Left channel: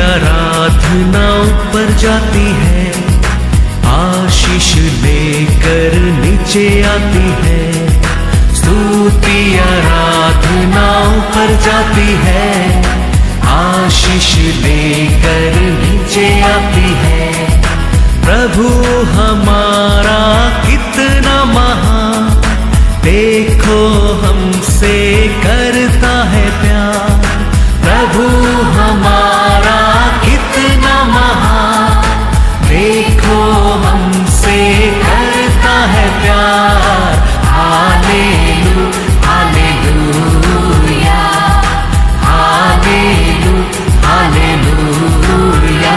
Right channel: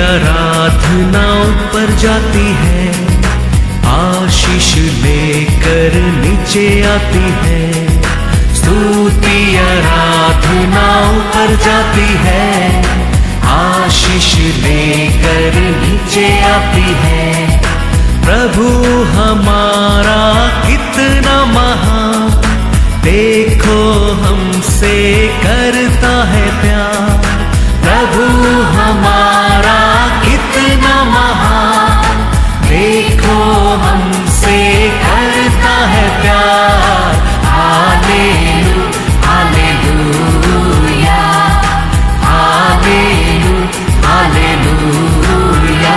आराधना ऊपर जाती है, आशीष लेकर नीचे आती है। स्तुति आराधना ऊपर जाती है, आशीष लेकर नीचे आती है। प्रभु हमारा कितना महान, देखो हमसे करता है प्यार। प्रभु हमारा कितना महान, देखो हमसे करता है प्यार। हालेलू हालेलूया, हालेलू हालेलूया।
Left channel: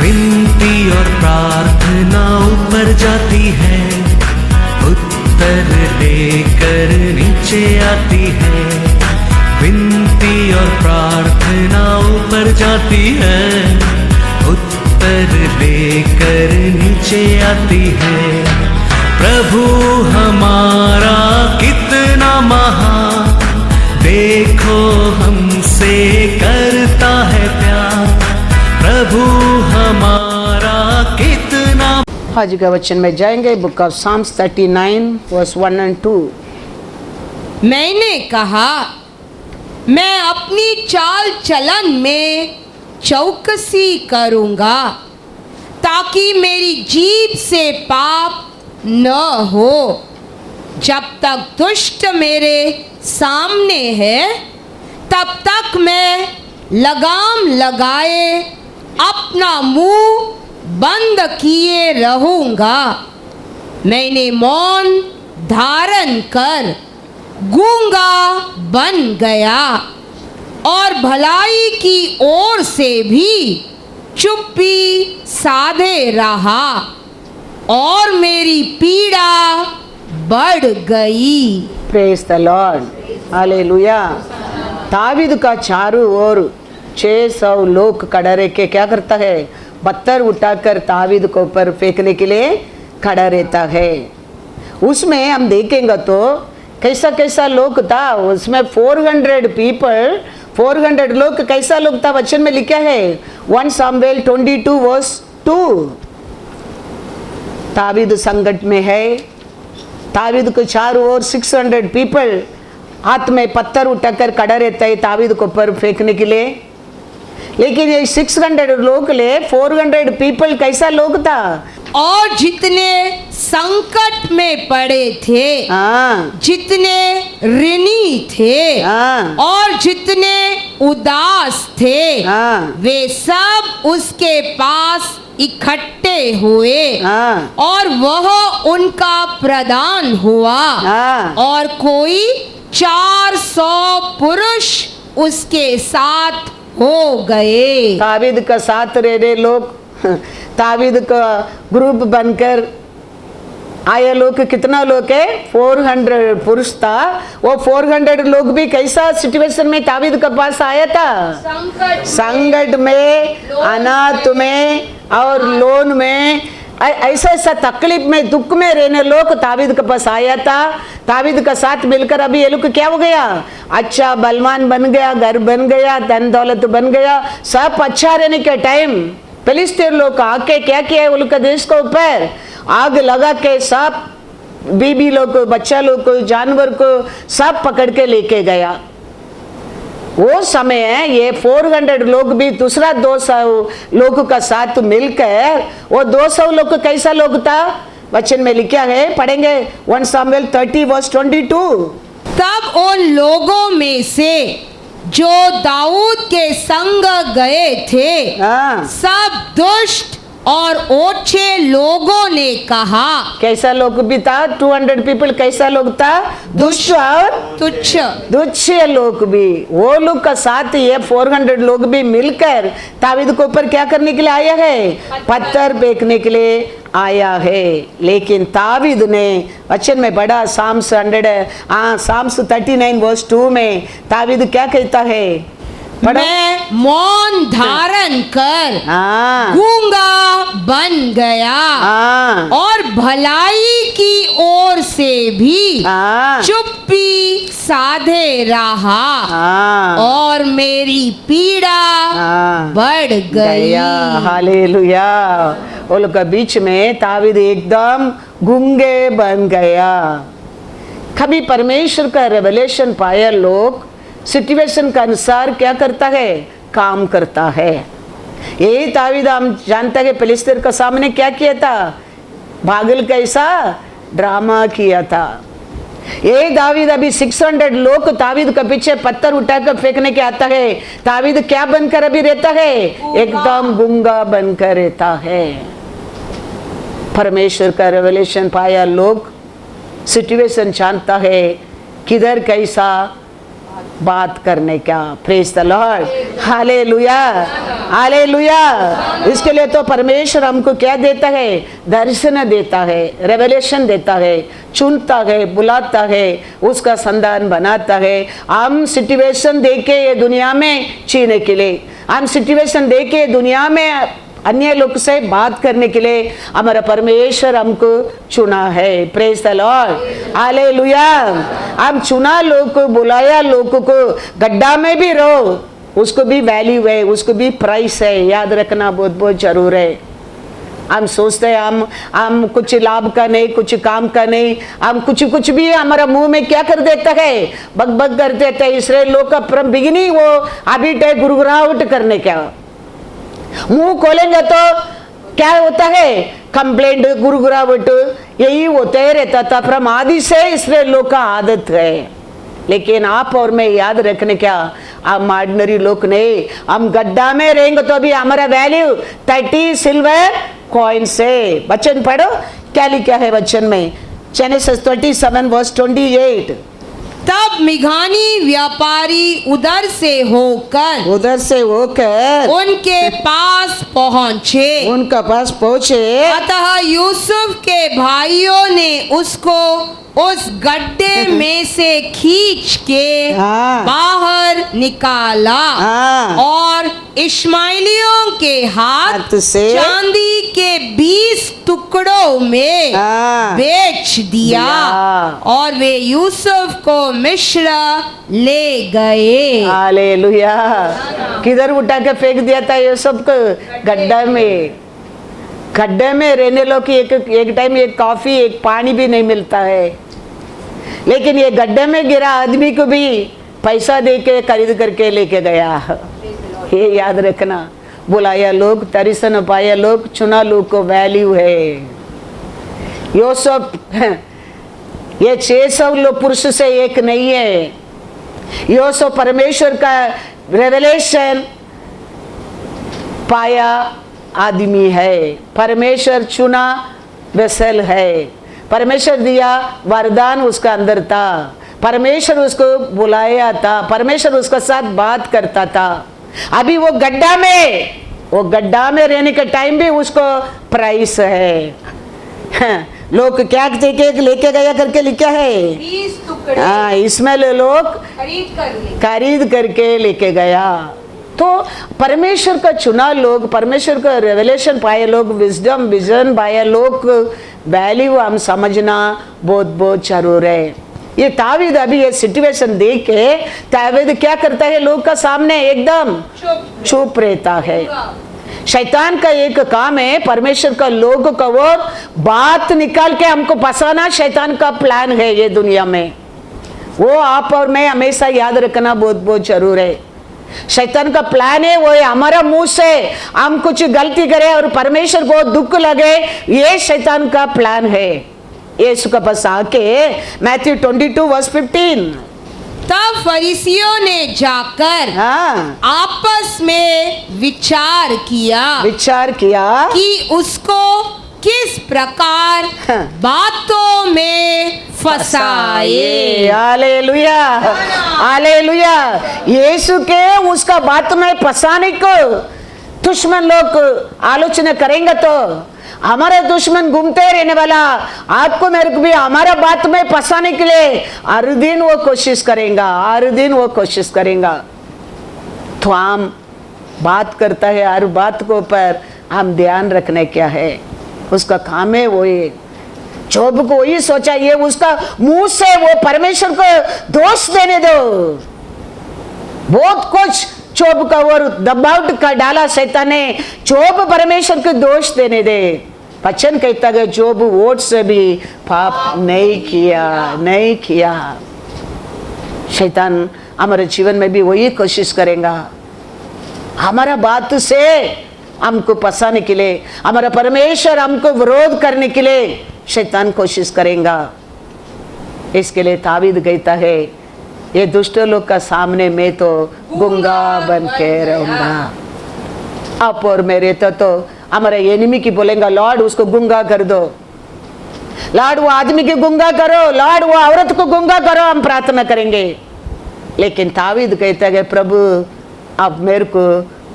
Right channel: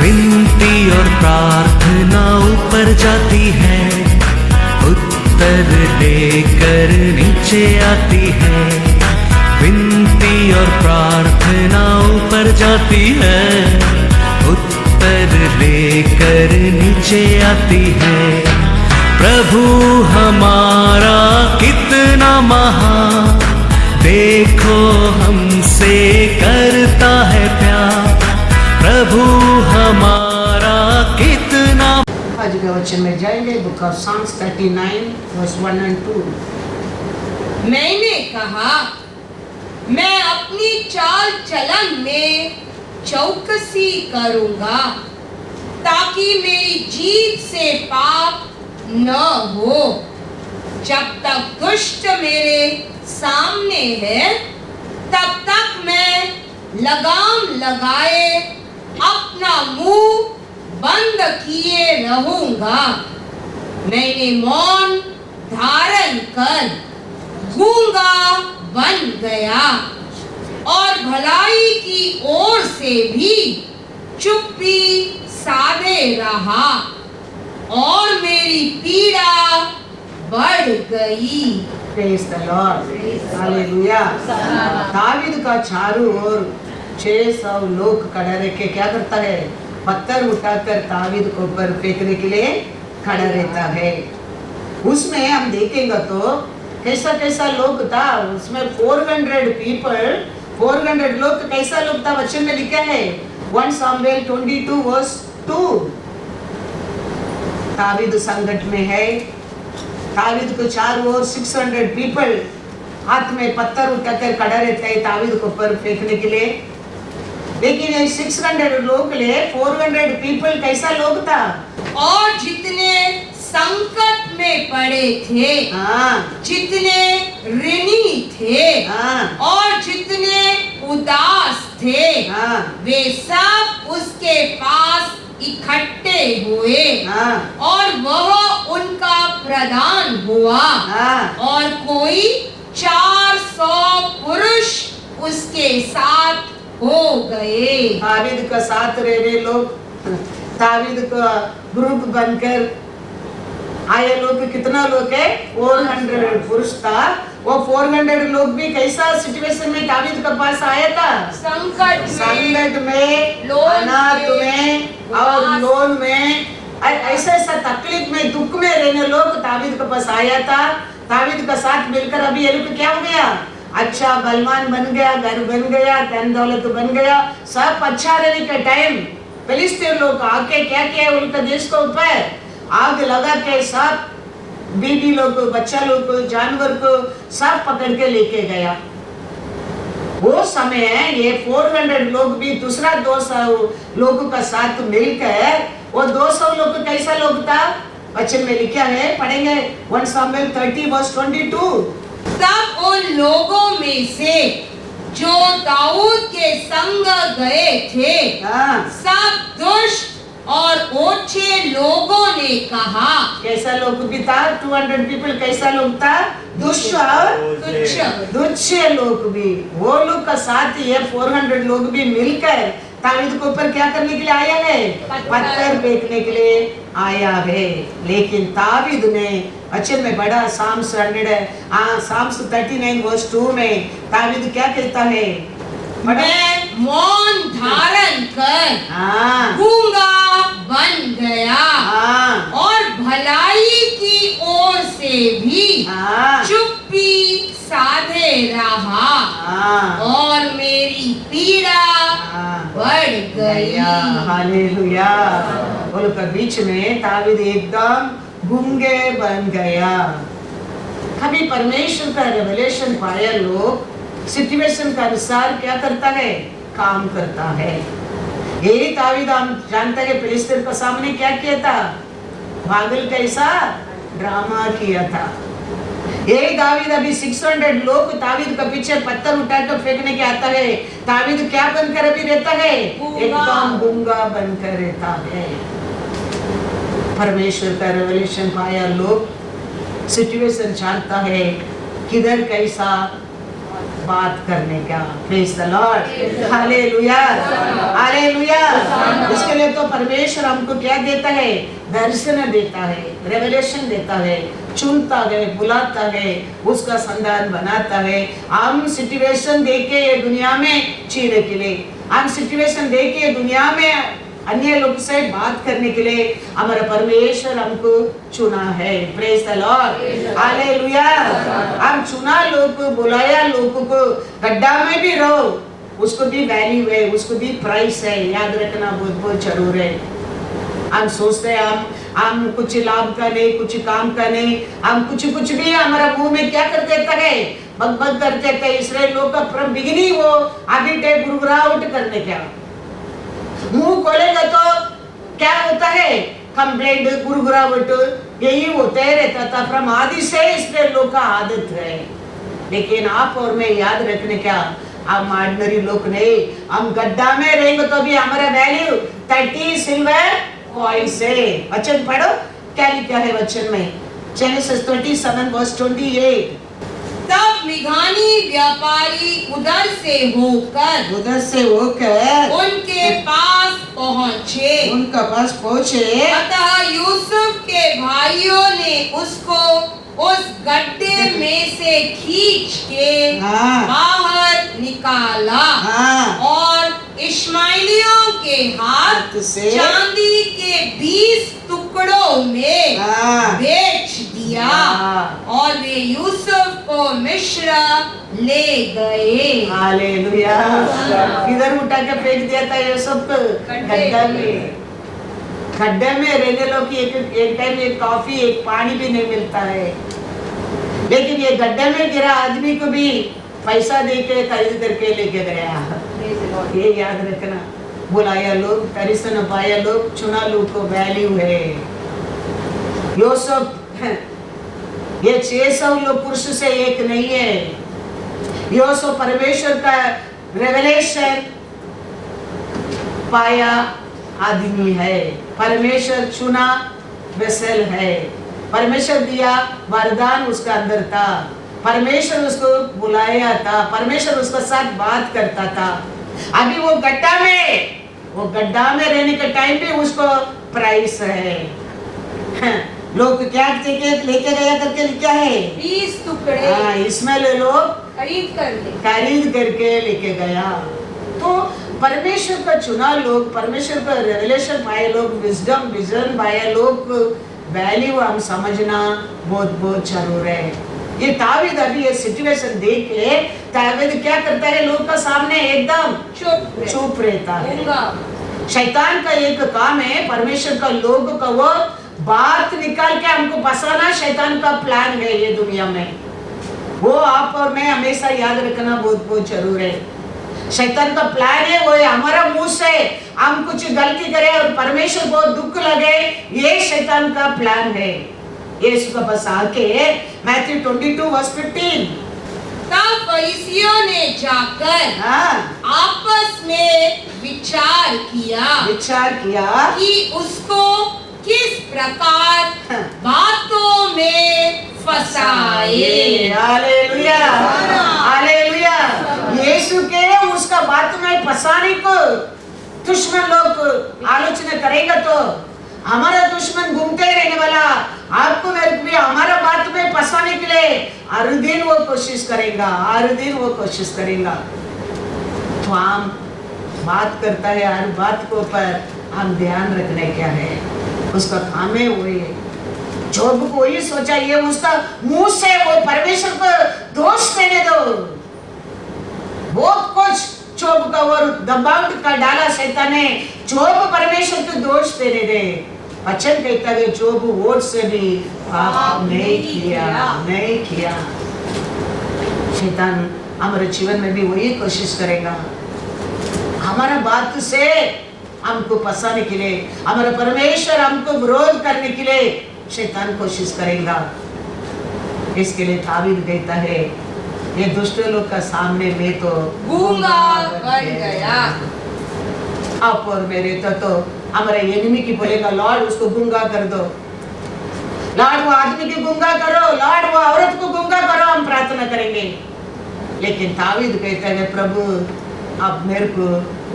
विनती और प्रार्थना ऊपर जाती है, उत्तर लेकर नीचे आती है। विनती और प्रार्थना ऊपर जाती है, उत्तर लेकर नीचे आती है। प्रभु हमारा कितना महान, देखो हमसे करता है प्यार। प्रभु हमारा कितना। आज का वचन में जाएंगे, बुक ऑफ साम्स 39 वर्स 1 और 2। मैंने कहा, मैं अपनी चाल चलन में चौकसी करूंगा, ताकि मेरी जीभ से पाप न हो। जब तक दुष्ट मेरे सामने है, तब तक मैं लगाम लगाए अपना मुंह बंद किए रहूंगा। मैंने मौन धारण कर गूंगा बन गया, और भलाई की ओर से भी चुप्पी साधे रहा, और मेरी पीड़ा बढ़ गई। Praise the Lord, hallelujah. David का चारों ओर 600 लोग खड़ा रह के क्या करता है, पत्थर उठाकर दावीद को ऊपर फेंकने के लिए खड़ा रहता है। उसमें हम देखेंगे तो कैसा कैसा लोग था। उसमें 400 पीपल, 400 लोग कैसा लोग था, वचन में लिखा है 1 सामुएल 22 वर्स 2। दावीद संकट में है, दावीद को चारों ओर 600 पीपल हाथ में पत्थर उठाकर खड़ा रहता है दावीद को ऊपर फेंकने के लिए। लेकिन ये 600 लोग ले 400 पीपल कैसा लोग था, और जितने संकट में पड़े थे, जितने ऋणी थे, और जितने उदास थे, वे सब उसके पास इकट्ठे हुए, और वह उनका प्रधान हुआ, और कोई 400 पुरुष उसके साथ हो गए। दावीद का साथ रहने लोग, दावीद का ग्रुप बनकर आए लोग कितना लोग है, 400 पुरुष था। वो 400 लोग भी कैसा सिचुएशन में दावीद के पास आया था, संकट में, अनाथ में और लोन में, ऐसा ऐसा तकलीफ में, दुख में रहने लोग दावीद के पास आया था। दावीद का साथ मिलकर अभी ये लोग क्या हो गया, अच्छा बलवान बन गया, घर बन गया, धन दौलत बन गया, सब अच्छा रहने के टाइम फिलिस्तीन लोग आके क्या किया, वो लोग देश को ऊपर आग लगा के सब बीबी लोग को, बच्चा लोग को, जानवर को सब पकड़ के लेके गया। वो समय ये 400 लोग भी दूसरा 200 लोगों का साथ मिलकर, वो 200 लोग कैसा लोग था, वचन में लिखा है, पढ़ेंगे 1 सामुएल 30 वर्स 22। तब उन लोगों में से जो दाऊद के संग गए थे, सब दुष्ट और ओछे लोगों ने कहा। कैसा लोग भी था, 200 पीपल कैसा लोग था, दुष्ट और तुच्छ लोग भी। वो लोग का साथ ये 400 लोग भी मिलकर दावीद को ऊपर क्या करने के लिए आया है, पत्थर फेंकने के लिए आया है। लेकिन दावीद ने वचन में पढ़ा साम्स 39 वर्स 2 में दावीद क्या कहता है, मैं मौन धारण कर गूंगा बन गया और भलाई हाँ। चुप्पी साधे रहा हाँ। और मेरी पीड़ा हाँ। बढ़ गई। हालेलुया। वो लोग के बीच में तावीद एकदम गूंगे बन गया। कभी परमेश्वर का रेवलेशन पाया लोग सिचुएशन के अनुसार क्या करता है, काम करता है। यही तावीद हम जानता है फिलिस्तीन के सामने क्या किया था, पागल कैसा ड्रामा किया था। ये दावीद अभी 600 लोग तावीद के पीछे पत्थर उठाकर फेंकने के आता है, तावीद क्या बनकर अभी रहता है, एकदम गूंगा बनकर रहता है। परमेश्वर का रेवलेशन पाया लोग सिचुएशन जानता है किधर कैसा बात करने का। Praise the Lord, hallelujah hallelujah. इसके लिए तो परमेश्वर हमको क्या देता है, दर्शन देता है, रेवलेशन देता है, चुनता है, बुलाता है, उसका संधान बनाता है। हम सिचुएशन देके ये दुनिया में जीने के लिए, हम सिचुएशन देके दुनिया में अन्य लोग से बात करने के लिए हमारा परमेश्वर हमको चुना है। Praise the Lord, hallelujah. अब चुना लोग को, बुलाया लोगों को, गड्ढा में भी रहो, उसको भी वैल्यू है, उसको भी प्राइस है, याद रखना बहुत बहुत जरूर है। हम सोचते हैं हम कुछ लाभ का नहीं, कुछ काम का नहीं, हम कुछ भी हमारे मुंह में क्या कर देता है, बग बग कर देता है। इसराइल लोग का फ्रॉम बिगिनिंग वो अभी तक गुरगुराहट करने क्या, मुंह खोलेंगे तो क्या होता है, कंप्लेंट, गुरगुराहट, यही होता ही रहता था। फ्रॉम आदि से इसलिए लोग का आदत है। लेकिन आप और मैं याद रखने क्या, हम ऑर्डिनरी लोग नहीं, हम गड्ढा में रहेंगे तो भी हमारा वैल्यू 30 सिल्वर कॉइन से। वचन पढ़ो क्या लिखा है वचन में, जेनेसिस 37 वर्स 28। तब मिघानी व्यापारी उधर से होकर उनके पास पहुँचे, उनका पास पहुंचे। अतः यूसुफ के भाइयों ने उसको उस गड्ढे में से खींच के हाँ। बाहर निकाला हाँ। और इश्माइलियों के हाथ से चांदी के 20 टुकड़ों में हाँ। बेच दिया और वे यूसुफ को मिस्र ले गए। हालेलुया। किधर उठा के फेंक दिया था यूसुफ को, गड्ढा में। गड्ढे में रहने लोग की एक टाइम एक कॉफी, एक पानी भी नहीं मिलता है, लेकिन ये गड्ढे में गिरा आदमी को भी पैसा दे के खरीद करके लेके गया। ये याद रखना, बुलाया लोग, दर्शन पाया लोग, चुना लोग को वैल्यू है। यूसुफ ये 600 लोग पुरुष से एक नहीं है। यूसुफ परमेश्वर का रेवलेशन पाया आदमी है, परमेश्वर चुना वेसल है, परमेश्वर दिया वरदान उसका अंदर था, परमेश्वर उसको बुलाया था, परमेश्वर उसका साथ बात करता था। अभी वो गड्ढा में रहने का टाइम भी उसको प्राइस है। लोग क्या लेके गया करके लिखा है, 20 टुकड़े हाँ, इसमें लोग खरीद करके लेके गया। तो परमेश्वर का चुना लोग, परमेश्वर का रेवलेशन पाए लोग, विजडम विजन पाए लोग, वैल्यू हम समझना बहुत बहुत जरूर है। ये तावीद अभी ये सिचुएशन देख के तावीद क्या करता है, लोग का सामने एकदम चुप रहता है। शैतान का एक काम है, परमेश्वर का लोग का वो बात निकाल के हमको फंसाना शैतान का प्लान है ये दुनिया में। वो आप और मैं हमेशा याद रखना बहुत बहुत जरूर है। शैतान का प्लान है वो हमारा मुंह से हम कुछ गलती करें और परमेश्वर को दुख लगे, ये शैतान का प्लान है। यीशु का पास आके मैथ्यू 22 वर्स 15, तब फरीसियों ने जाकर हाँ, आपस में विचार किया कि उसको किस प्रकार बातों में फंसाए। Hallelujah hallelujah. यीशु के उसका बात में फंसाने को दुश्मन लोग आलोचना करेंगे तो हमारा दुश्मन घूमते रहने वाला आपको मेरे को भी हमारा बात में फंसाने के लिए हर दिन वो कोशिश करेगा। तो हम बात करता है, हर बात को पर हम ध्यान रखने क्या है, उसका काम है वो ये जोब को वही सोचा, ये उसका मुंह से वो परमेश्वर को दोष देने दो। बहुत कुछ जोब का और दबाव का डाला शैतान ने, जोब परमेश्वर को दोष देने दे। वचन कहता है जोब वोट से भी पाप नहीं किया। शैतान हमारे जीवन में भी वही कोशिश करेगा, हमारा बात से हमको फंसाने के लिए, हमारा परमेश्वर हमको विरोध करने के लिए शैतान कोशिश करेगा। इसके लिए तावीद कहता है, ये दुष्ट लोग का सामने मैं तो गूंगा बन के रहूंगा। आप और मेरे तो हमारे एनिमी की बोलेगा, लॉर्ड उसको गूंगा कर दो, लॉर्ड वो आदमी की गूंगा करो, लॉर्ड वो औरत को गूंगा करो, हम प्रार्थना करेंगे। लेकिन तावीद कहता है, प्रभु आप मेरे को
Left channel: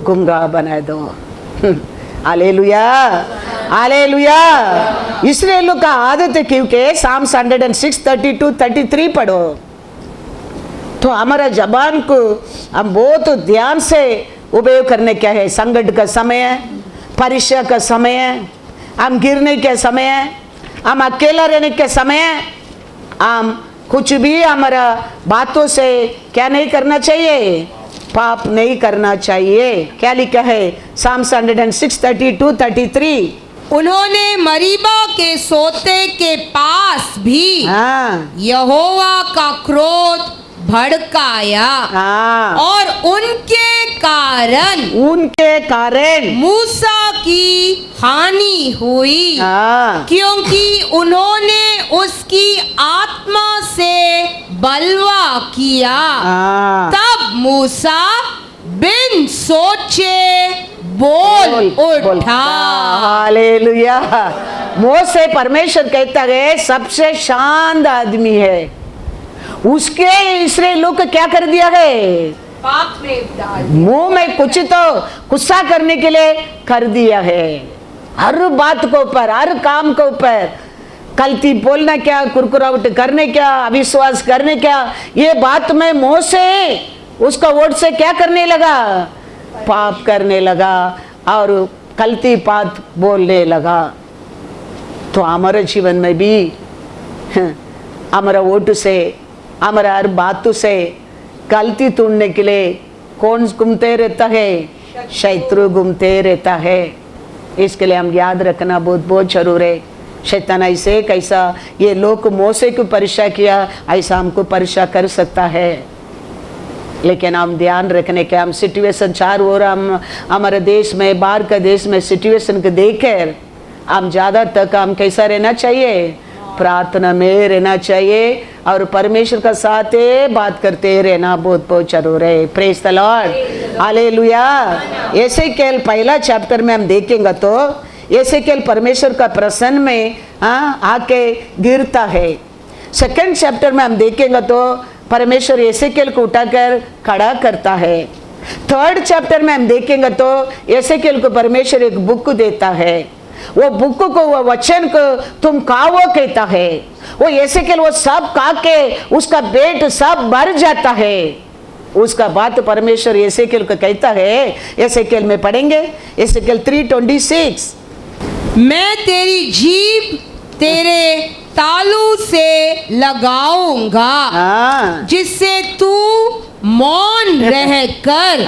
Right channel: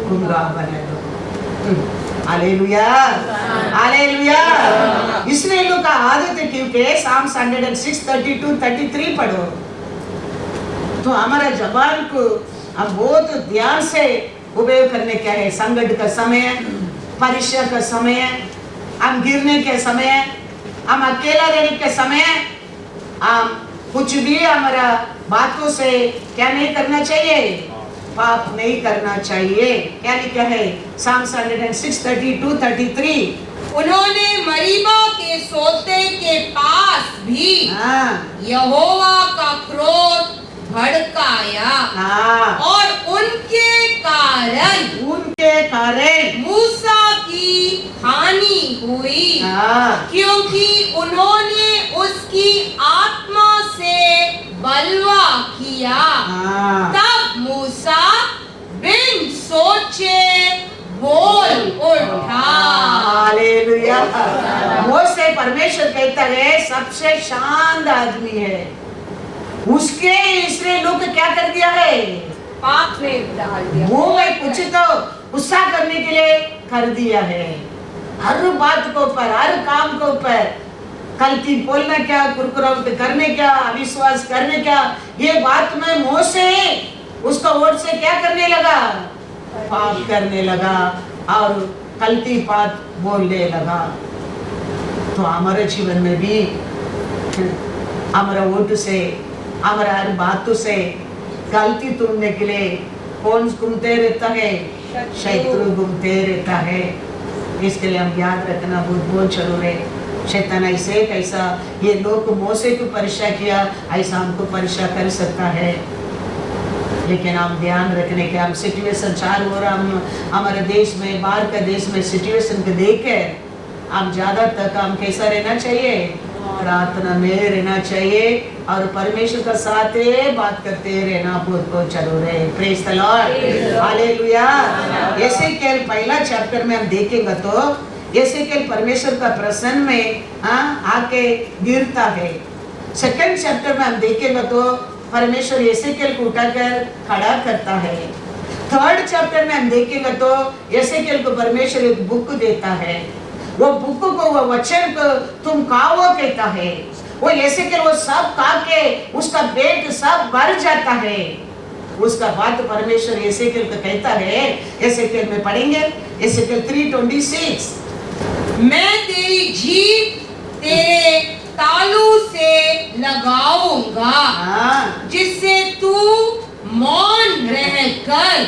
गूंगा बना दो। Hallelujah, hallelujah. इसलिए लोग का आदत है, क्योंकि साम्स 106 32-33 पढ़ो तो हमारा जबान को हम बहुत ध्यान से उपयोग करने क्या है। संकट का समय है, परीक्षा का समय है, हम गिरने के समय है, हम अकेला रहने के समय है, हम कुछ भी हमारा बातों से क्या नहीं करना चाहिए, पाप नहीं करना चाहिए। क्या लिखा है साम्स 106 32-33? उन्होंने मरीबा के सोते के पास भी यहोवा का क्रोध भड़काया और उनके कारण मूसा की हानि हुई, क्योंकि उन्होंने उसकी आत्मा से बलवा किया। तब मूसा बिन सोचे बोल उठा। हालेलुया। मोसे परमेश्वर कहता है सबसे शांत आदमी है, उसके इस्राएल लोग क्या कर दिया है, पाप में डाल दिया, मुंह में कुछ तो गुस्सा करने के लिए कर दिया है। हर बात को ऊपर, हर काम को ऊपर गलती बोलना क्या, कुरकुरावट करने क्या, अविश्वास करने क्या, ये बात में मुंह से उसका वोट से क्या करने लगा, पाप करने लगा और गलती बात बोलने लगा। तो हमारे जीवन में भी हमारा वोट से, हमारा हर बातों से गलती ढूंढने के लिए कौन घूमते रहता है, शत्रु घूमते रहता है। इसके लिए हम याद रखना बहुत बहुत जरूर है। शैतान ऐसे कैसा ये लोग मोसे को परीक्षा किया, ऐसा हमको परीक्षा कर सकता है। लेकिन हम ध्यान रखने के, हम सिचुएशन चारों ओर, हम हमारे देश में, बाहर का देश में सिचुएशन को देखकर हम ज्यादा तक हम कैसा रहना चाहिए, प्रार्थना में रहना चाहिए और परमेश्वर का साथ बात करते रहना बहुत बहुत जरूर है। Praise the Lord, hallelujah. Ezekiel पहला चैप्टर में हम देखेंगे तो एसेकिएल परमेश्वर का प्रसन्न में आके गिरता है। सेकंड चैप्टर में हम देखेंगे तो परमेश्वर एसेकिएल को उठाकर खड़ा करता है। थर्ड चैप्टर में हम देखेंगे तो एसेकिएल को परमेश्वर एक बुक देता है। वो बुक को, वो वचन को तुम खाओ कहता है। वो एसेकिएल वो सब खा के उसका पेट सब भर जाता है। उसका बात परमेश्वर एसेकिएल को कहता है। एसेकिएल में पढ़ेंगे एसेकिएल 3:26, मैं तेरी जीभ तेरे तालू से लगाऊंगा जिससे तू मौन रहकर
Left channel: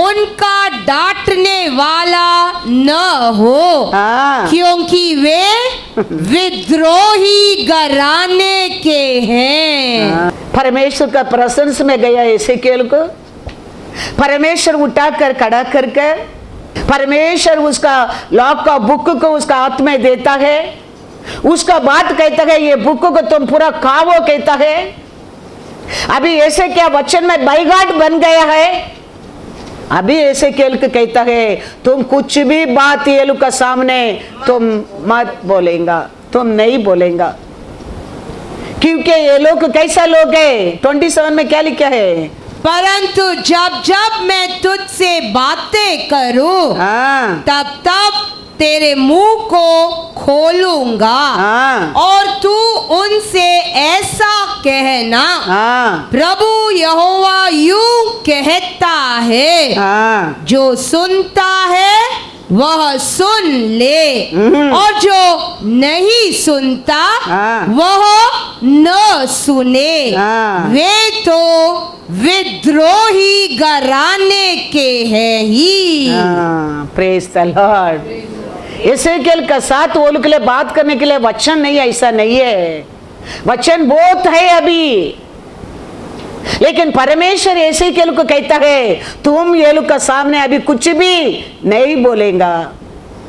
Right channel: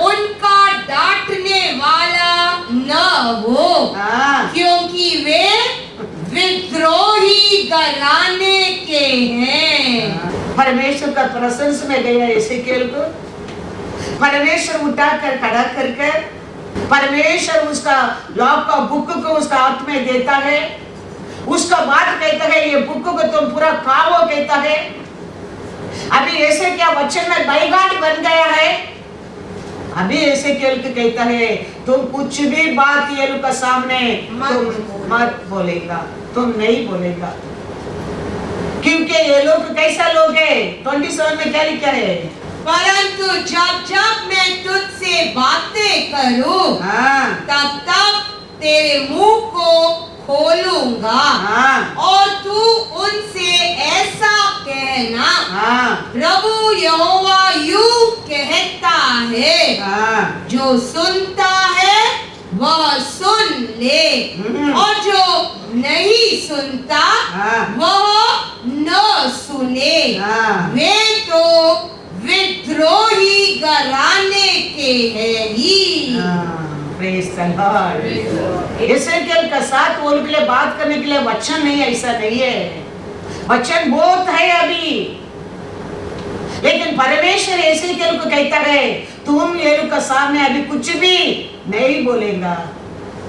उनका डांटने वाला न हो, क्योंकि वे विद्रोही घराने के हैं। परमेश्वर का प्रशंसा में गया एसेकिएल को परमेश्वर उठाकर खड़ा करके, परमेश्वर उसका लॉक का बुक को उसका हाथ में देता है। उसका बात कहता है ये बुक को तुम पूरा खाओ कहता है। अभी ऐसे क्या वचन में बाईगाट बन गया है। अभी ऐसे केल के कहता है तुम कुछ भी बात ये लोग का सामने तुम मत बोलेगा, तुम नहीं बोलेगा, क्योंकि ये लोग कैसा लोग है। 27 में क्या लिखा है, परंतु जब जब मैं तुझसे बातें करूं तब तब तेरे मुंह को खोलूंगा और तू उनसे ऐसा कहना, प्रभु यहोवा यूं कहता है, जो सुनता है वह सुन ले, और जो नहीं सुनता वह न सुने। वे तो विद्रोही घराने के हैं ही। Praise the Lord. एसेकिएल का साथ वो के लिए बात करने के लिए वचन नहीं, ऐसा नहीं है, वचन बहुत है अभी, लेकिन परमेश्वर एसेकिएल को कहता है तुम ये लोग का सामने अभी कुछ भी नहीं बोलेगा,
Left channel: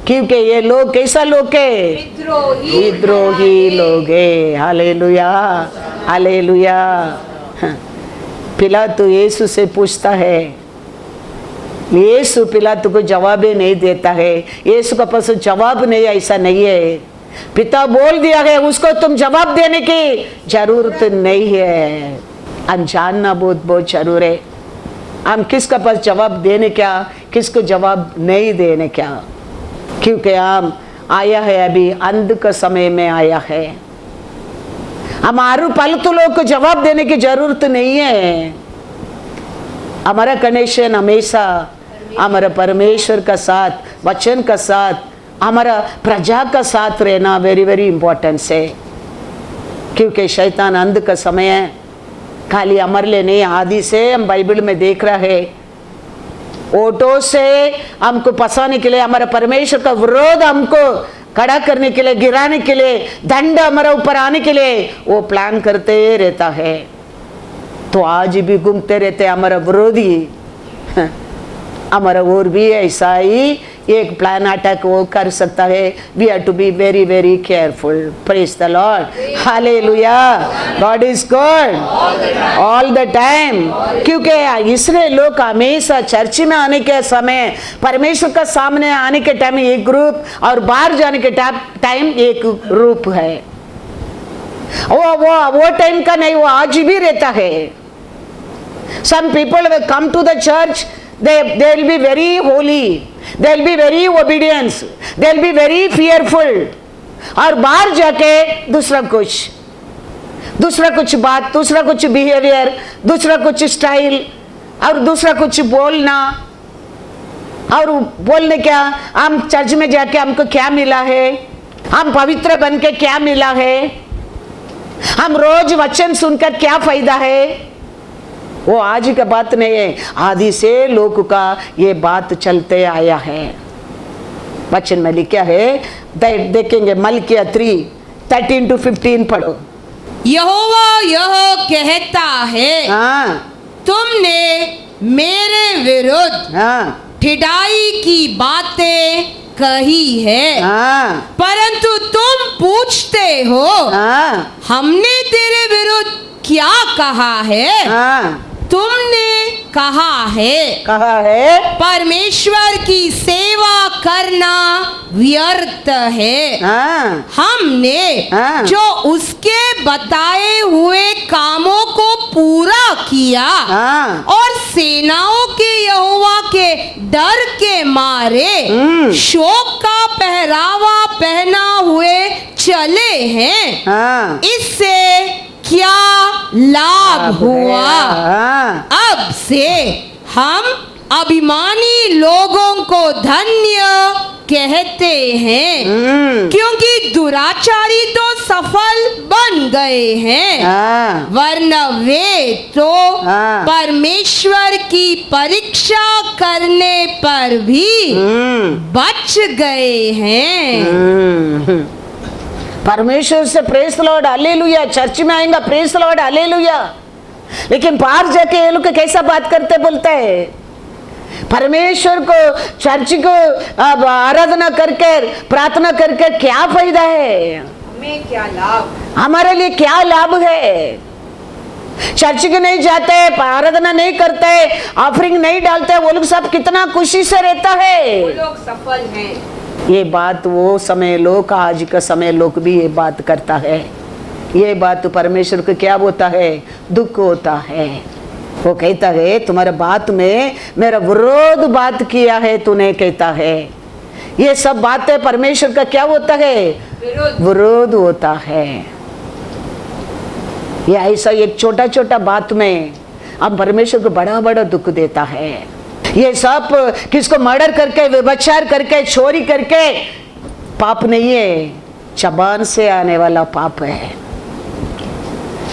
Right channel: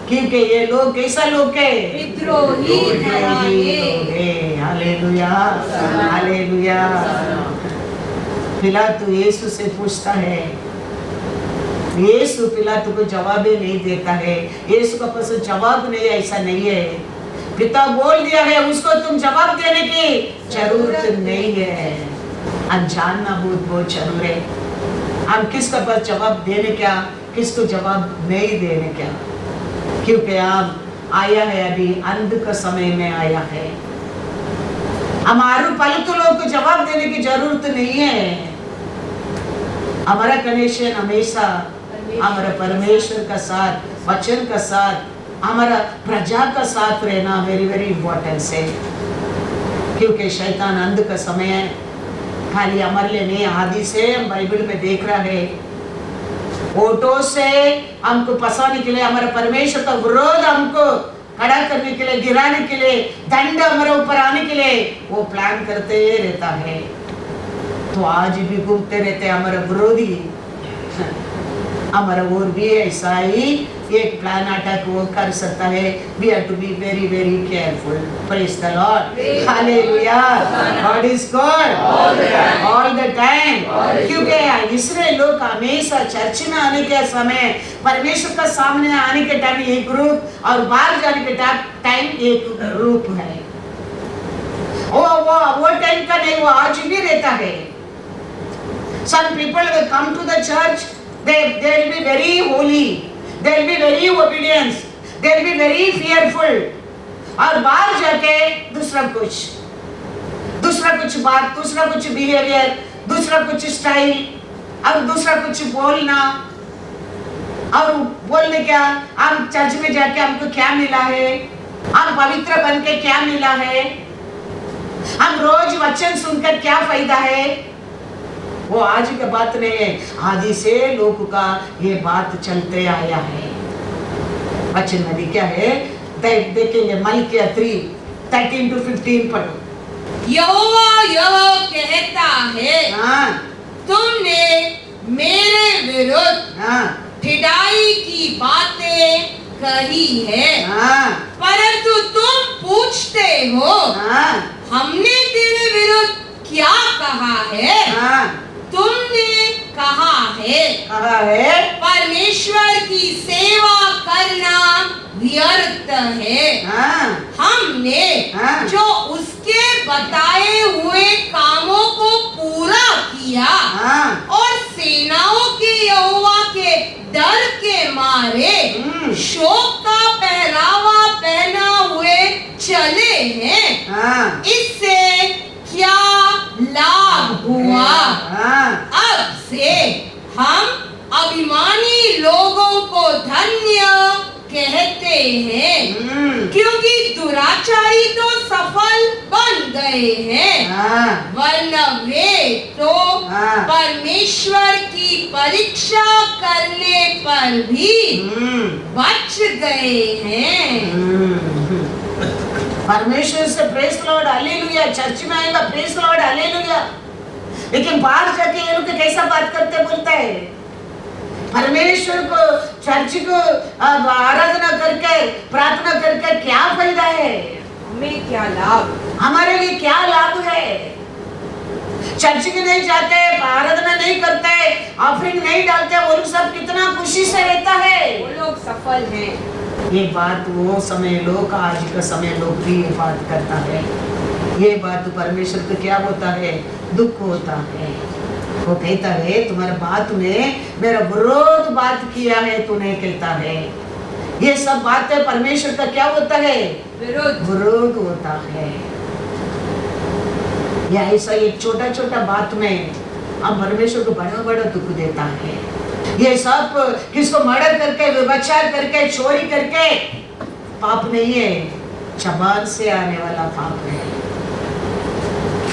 क्योंकि ये लोग कैसा लोग है? विद्रोही लोग है। Hallelujah, hallelujah. पिलातू यीशु से पूछता है, यीशु पिलातू को जवाब ही नहीं देता है, यीशु का पास जवाब नहीं, ऐसा नहीं है। पिता बोल दिया है उसको तुम जवाब देने की जरूरत नहीं है। हम जानना बहुत बहुत जरूर है, हम किसका पास जवाब देने क्या, किसको जवाब नहीं देने क्या, क्योंकि हम आया है अभी अंध का समय में आया है। हमारे पालतू लोग को जवाब देने की जरूरत नहीं है। हमारा कनेक्शन हमेशा हमारा परमेश्वर का साथ, वचन का साथ, हमारा प्रजा का साथ रहना वेरी वेरी इंपॉर्टेंट है, क्योंकि शैतान अंध का समय है। खाली हमारे लिए नहीं, आदि से हम बाइबल में देख रहा है, ओटो से हमको फंसाने के लिए, हमारा परमेश्वर का विरोध हमको खड़ा करने के लिए, गिराने के लिए, दंड हमारे ऊपर आने के लिए वो प्लान करते रहता है। तो आज भी घूमते रहते हमारा विरोधी, हमारा और भी ऐसा ही एक प्लान अटैक वो कर सकता है। We have to be very very careful. Praise the Lord, hallelujah. God is God all the time, क्योंकि इसलिए लोग हमेशा चर्च में आने के समय, परमेश्वर का सामने आने के टाइम एक ग्रुप और बाहर जाने के टाइम एक ग्रुप है। वो टाइम का नहीं, वो आज भी रहता है। Some people will come to the church, they will be very holy, they will be very obedience, they will be very fearful, और बाहर जाके दूसरा कुछ बात, दूसरा कुछ बिहेवियर, दूसरा कुछ स्टाइल और दूसरा कुछ बोलना। और बोलने क्या, हम चर्च में जाके हमको क्या मिला है, हम पवित्र बन के क्या मिला है, हम रोज वचन सुनकर क्या फायदा है, वो आज का बात नहीं है। आदि से लोग का ये बात चलते आया है। वचन में लिखा है, देखेंगे मलकिया 3:13-15 पढ़ो। यहोवा यह कहता है, तुमने मेरे विरुद्ध ठिठाई की बातें कही है, परंतु तुम पूछते हो हमने तेरे विरुद्ध क्या कहा है? तुमने कहा है परमेश्वर की सेवा करना व्यर्थ है। हमने जो उसके बताए हुए कामों को पूरा किया और सेनाओं के यहोवा के डर के मारे शोक का पहरावा पहना हुए चले हैं। इससे क्या लाभ हुआ? अब से हम अभिमानी लोगों को धन्य कहते हैं, क्योंकि दुराचारी तो सफल बन गए हैं, वरना वे तो परमेश्वर की परीक्षा करने पर भी बच गए हैं। परमेश्वर से praise the Lord, hallelujah. Church में आएगा प्रेज द लॉर्ड, हालेलुया। लेकिन बाहर जाके ये लोग कैसा बात करते बोलता है, परमेश्वर को, चर्च को आराधना करके, प्रार्थना करके क्या फायदा है? हमें क्या लाभ, हमारे लिए क्या लाभ है? चर्च के नहीं जाते, आराधना नहीं करते, ऑफरिंग नहीं डालते, वो लोग सब कितना खुशी से रहता है, वो लोग सफल हैं। ये बात वो समय लोग, आज का समय लोग भी ये बात करता है। ये बात तो परमेश्वर को क्या होता है? दुख होता है। वो कहता है तुम्हारे बात में मेरा विरोध बात किया है, तूने कहता है। ये सब बातें परमेश्वर का क्या होता है? विरोध होता है। ये ऐसा एक छोटा छोटा बात में अब परमेश्वर को बड़ा बड़ा दुख देता है। ये सब किसको मर्डर करके, व्यभिचार करके, चोरी करके पाप नहीं है, जबान से आने वाला पाप है।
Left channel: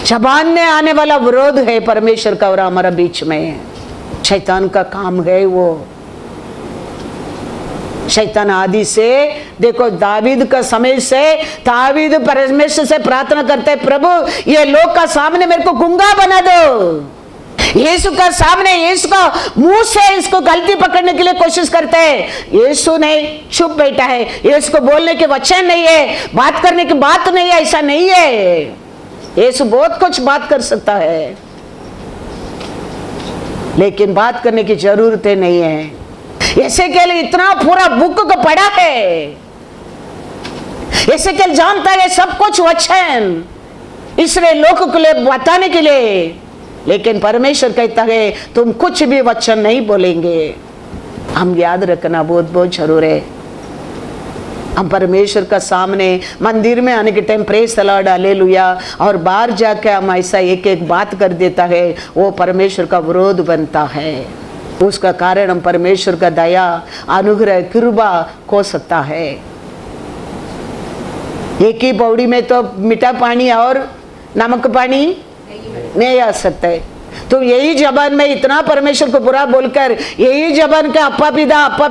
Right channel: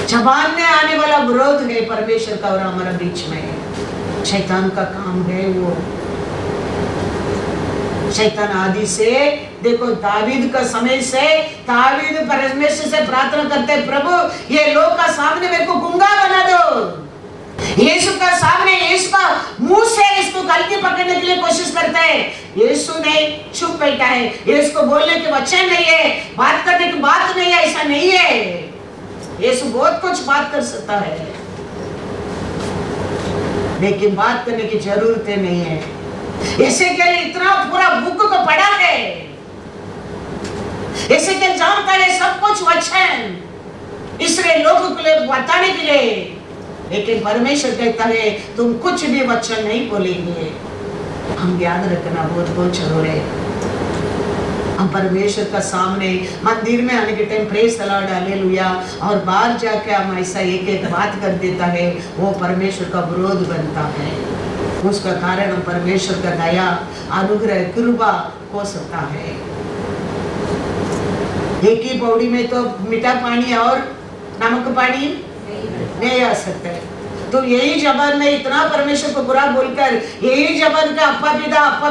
जबान में आने वाला विरोध है परमेश्वर का और हमारा बीच में। शैतान का काम है वो। शैतान आदि से देखो, दावीद का समय से दावीद परमेश्वर से प्रार्थना करते, प्रभु ये लोग का सामने मेरे को गूंगा बना दो। यीशु का सामने, यीशु का मुंह से इसको गलती पकड़ने के लिए कोशिश करते हैं। यीशु नहीं, चुप बैठा है। यीशु को बोलने के वचन नहीं है, बात करने की बात नहीं है, ऐसा नहीं है। यीशु बहुत कुछ बात कर सकता है, लेकिन बात करने की जरूरत नहीं है। ऐसे के लिए इतना पूरा बुक को पढ़ा है, ऐसे के जानता है सब कुछ वचन इसलिए लोगों के लिए बताने के लिए। लेकिन परमेश्वर कहता है तुम कुछ भी वचन नहीं बोलेंगे। हम याद रखना बहुत बहुत जरूर है। हम परमेश्वर का सामने मंदिर में आने के time praise the Lord hallelujah, और बाहर जाके हम ऐसा एक एक बात कर देता है, वो परमेश्वर का विरोध बनता है। उसका कारण हम परमेश्वर का दया, अनुग्रह, कृपा खो सकता है। एक ही पौड़ी में तो मीठा पानी और नमक पानी नहीं आ सकता है। तो यही जबान में इतना परमेश्वर को बुरा बोलकर, यही जबान का अप्पा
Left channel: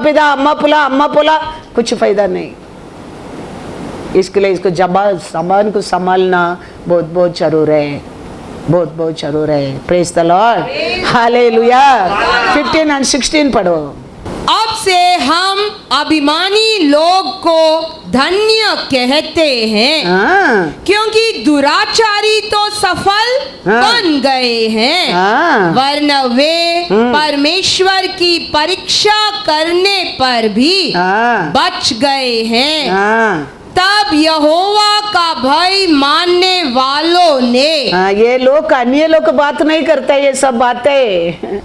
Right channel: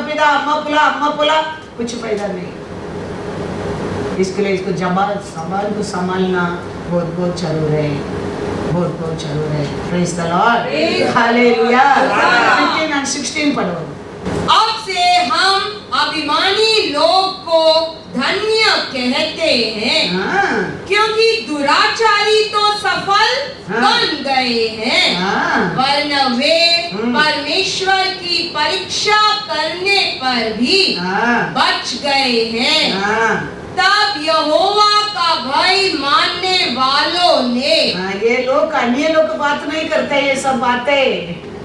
पिदा, अम्मा पुला, कुछ फायदा नहीं। इसके लिए इसको जबान को संभालना बहुत बहुत जरूर है, बहुत बहुत जरूर है। Praise the Lord, hallelujah. 15 और 16 पढ़ो। अब से हम अभिमानी लोग को धन्य कहते हैं, क्योंकि दुराचारी तो सफल बन गए हैं, वरना वे परमेश्वर की परीक्षा करने पर भी बच गए हैं। तब यहोवा का भय मानने वालों ने, ये लोग अन्य लोग बात नहीं करते, ये सब बातें,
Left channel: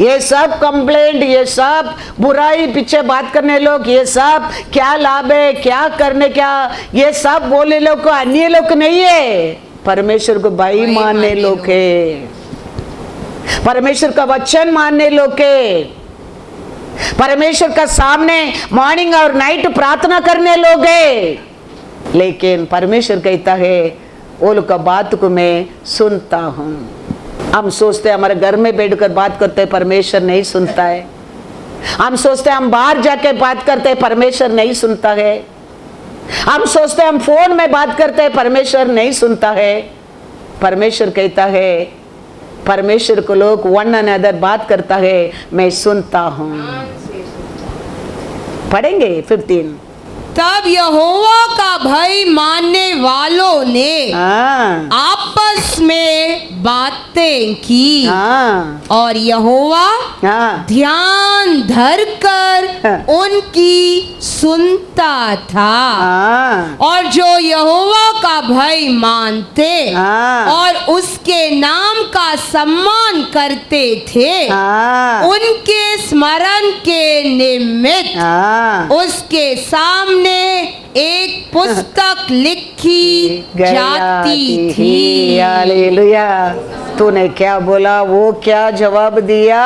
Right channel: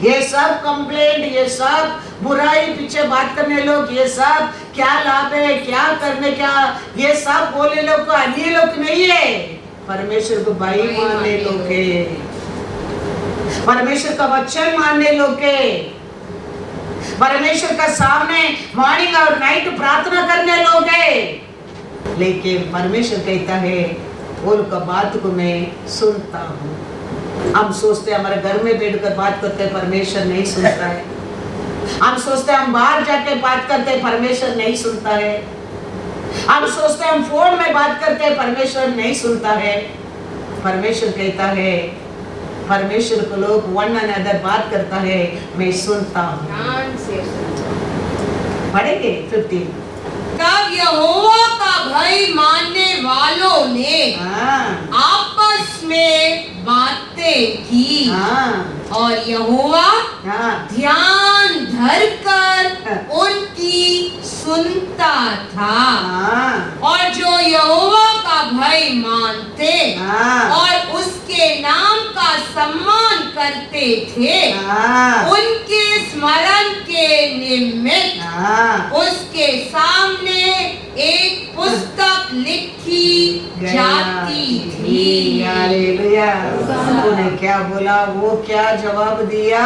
ये सब कंप्लेंट, ये सब बुराई पीछे बात करने लोग, ये सब क्या लाभ है, क्या करने, क्या ये सब बोले लोग को अन्य लोग नहीं है, परमेश्वर को भाई मानने लोग है, परमेश्वर का वचन मानने लोग है, परमेश्वर का सामने मॉर्निंग और नाइट प्रार्थना करने लोग है। लेकिन परमेश्वर कहता है वो लोग का बात को मैं सुनता हूँ। हम सोचते हैं हमारे घर में बैठकर बात करते हैं, परमेश्वर नहीं सुनता है। हम सोचते हैं हम बाहर जाके बात करते हैं, परमेश्वर नहीं सुनता है। हम सोचते हैं हम फोन में बात करते हैं, परमेश्वर नहीं सुनता है। परमेश्वर कहता है, परमेश्वर को लोग वन अनदर बात करता है, मैं सुनता हूँ। पढ़ेंगे 15। तब यहोवा का भय मानने वालों ने आपस में बातें की, और यहोवा ध्यान धरकर उनकी सुनता था। और जो यहोवा का भय मानते और उसके नाम का सम्मान करते थे, उनके स्मरण के निमित्त उसके सामने एक पुस्तक लिखी जाती थी। हालेलुया। तूने क्या बोला, वो क्या जवाब दिया,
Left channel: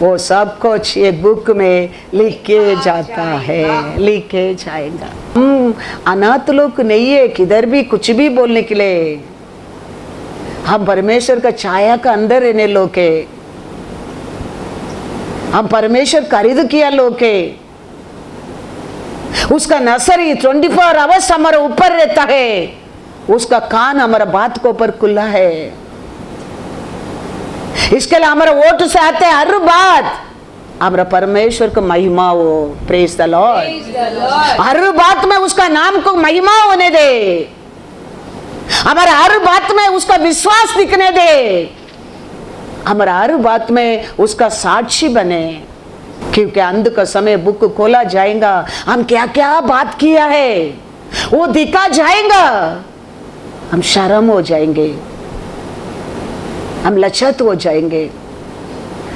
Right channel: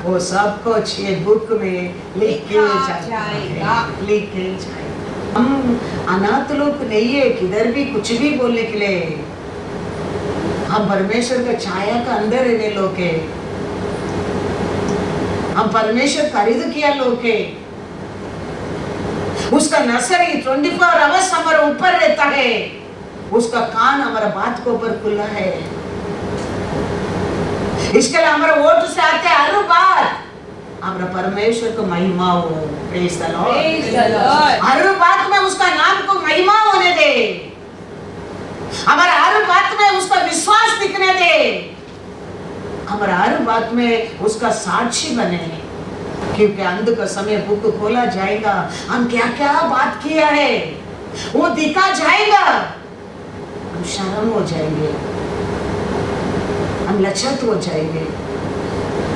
वो सब कुछ ये बुक में लिख के जाता है, लिख के जाएगा। अनाथ लोग नहीं है किधर भी कुछ भी बोलने के लिए। हम परमेश्वर का छाया का अंदर रहने लोग है, हम परमेश्वर खरीद किया लोग है। उसका नर्सरी 24 आवर्स हमारे ऊपर रहता है, उसका कान हमारा बात को ऊपर खुला है। इसके लिए हमारा वोट से आते हैं हर बात, हमारा परमेश्वर को महिमा हो। Praise the Lord. हर बात में उसका नाम को महिमा होने दे, हमारा हर बात में उसका विश्वास दिखने दे, हमारा हर बात में उसका साक्षी बने। क्योंकि अंत का समय बुक खोला जाएगा, हम क्या क्या बात किया है वो दिखा जाएगा। हम शर्म हो जाएंगे, हम लज्जित हो जाएंगे,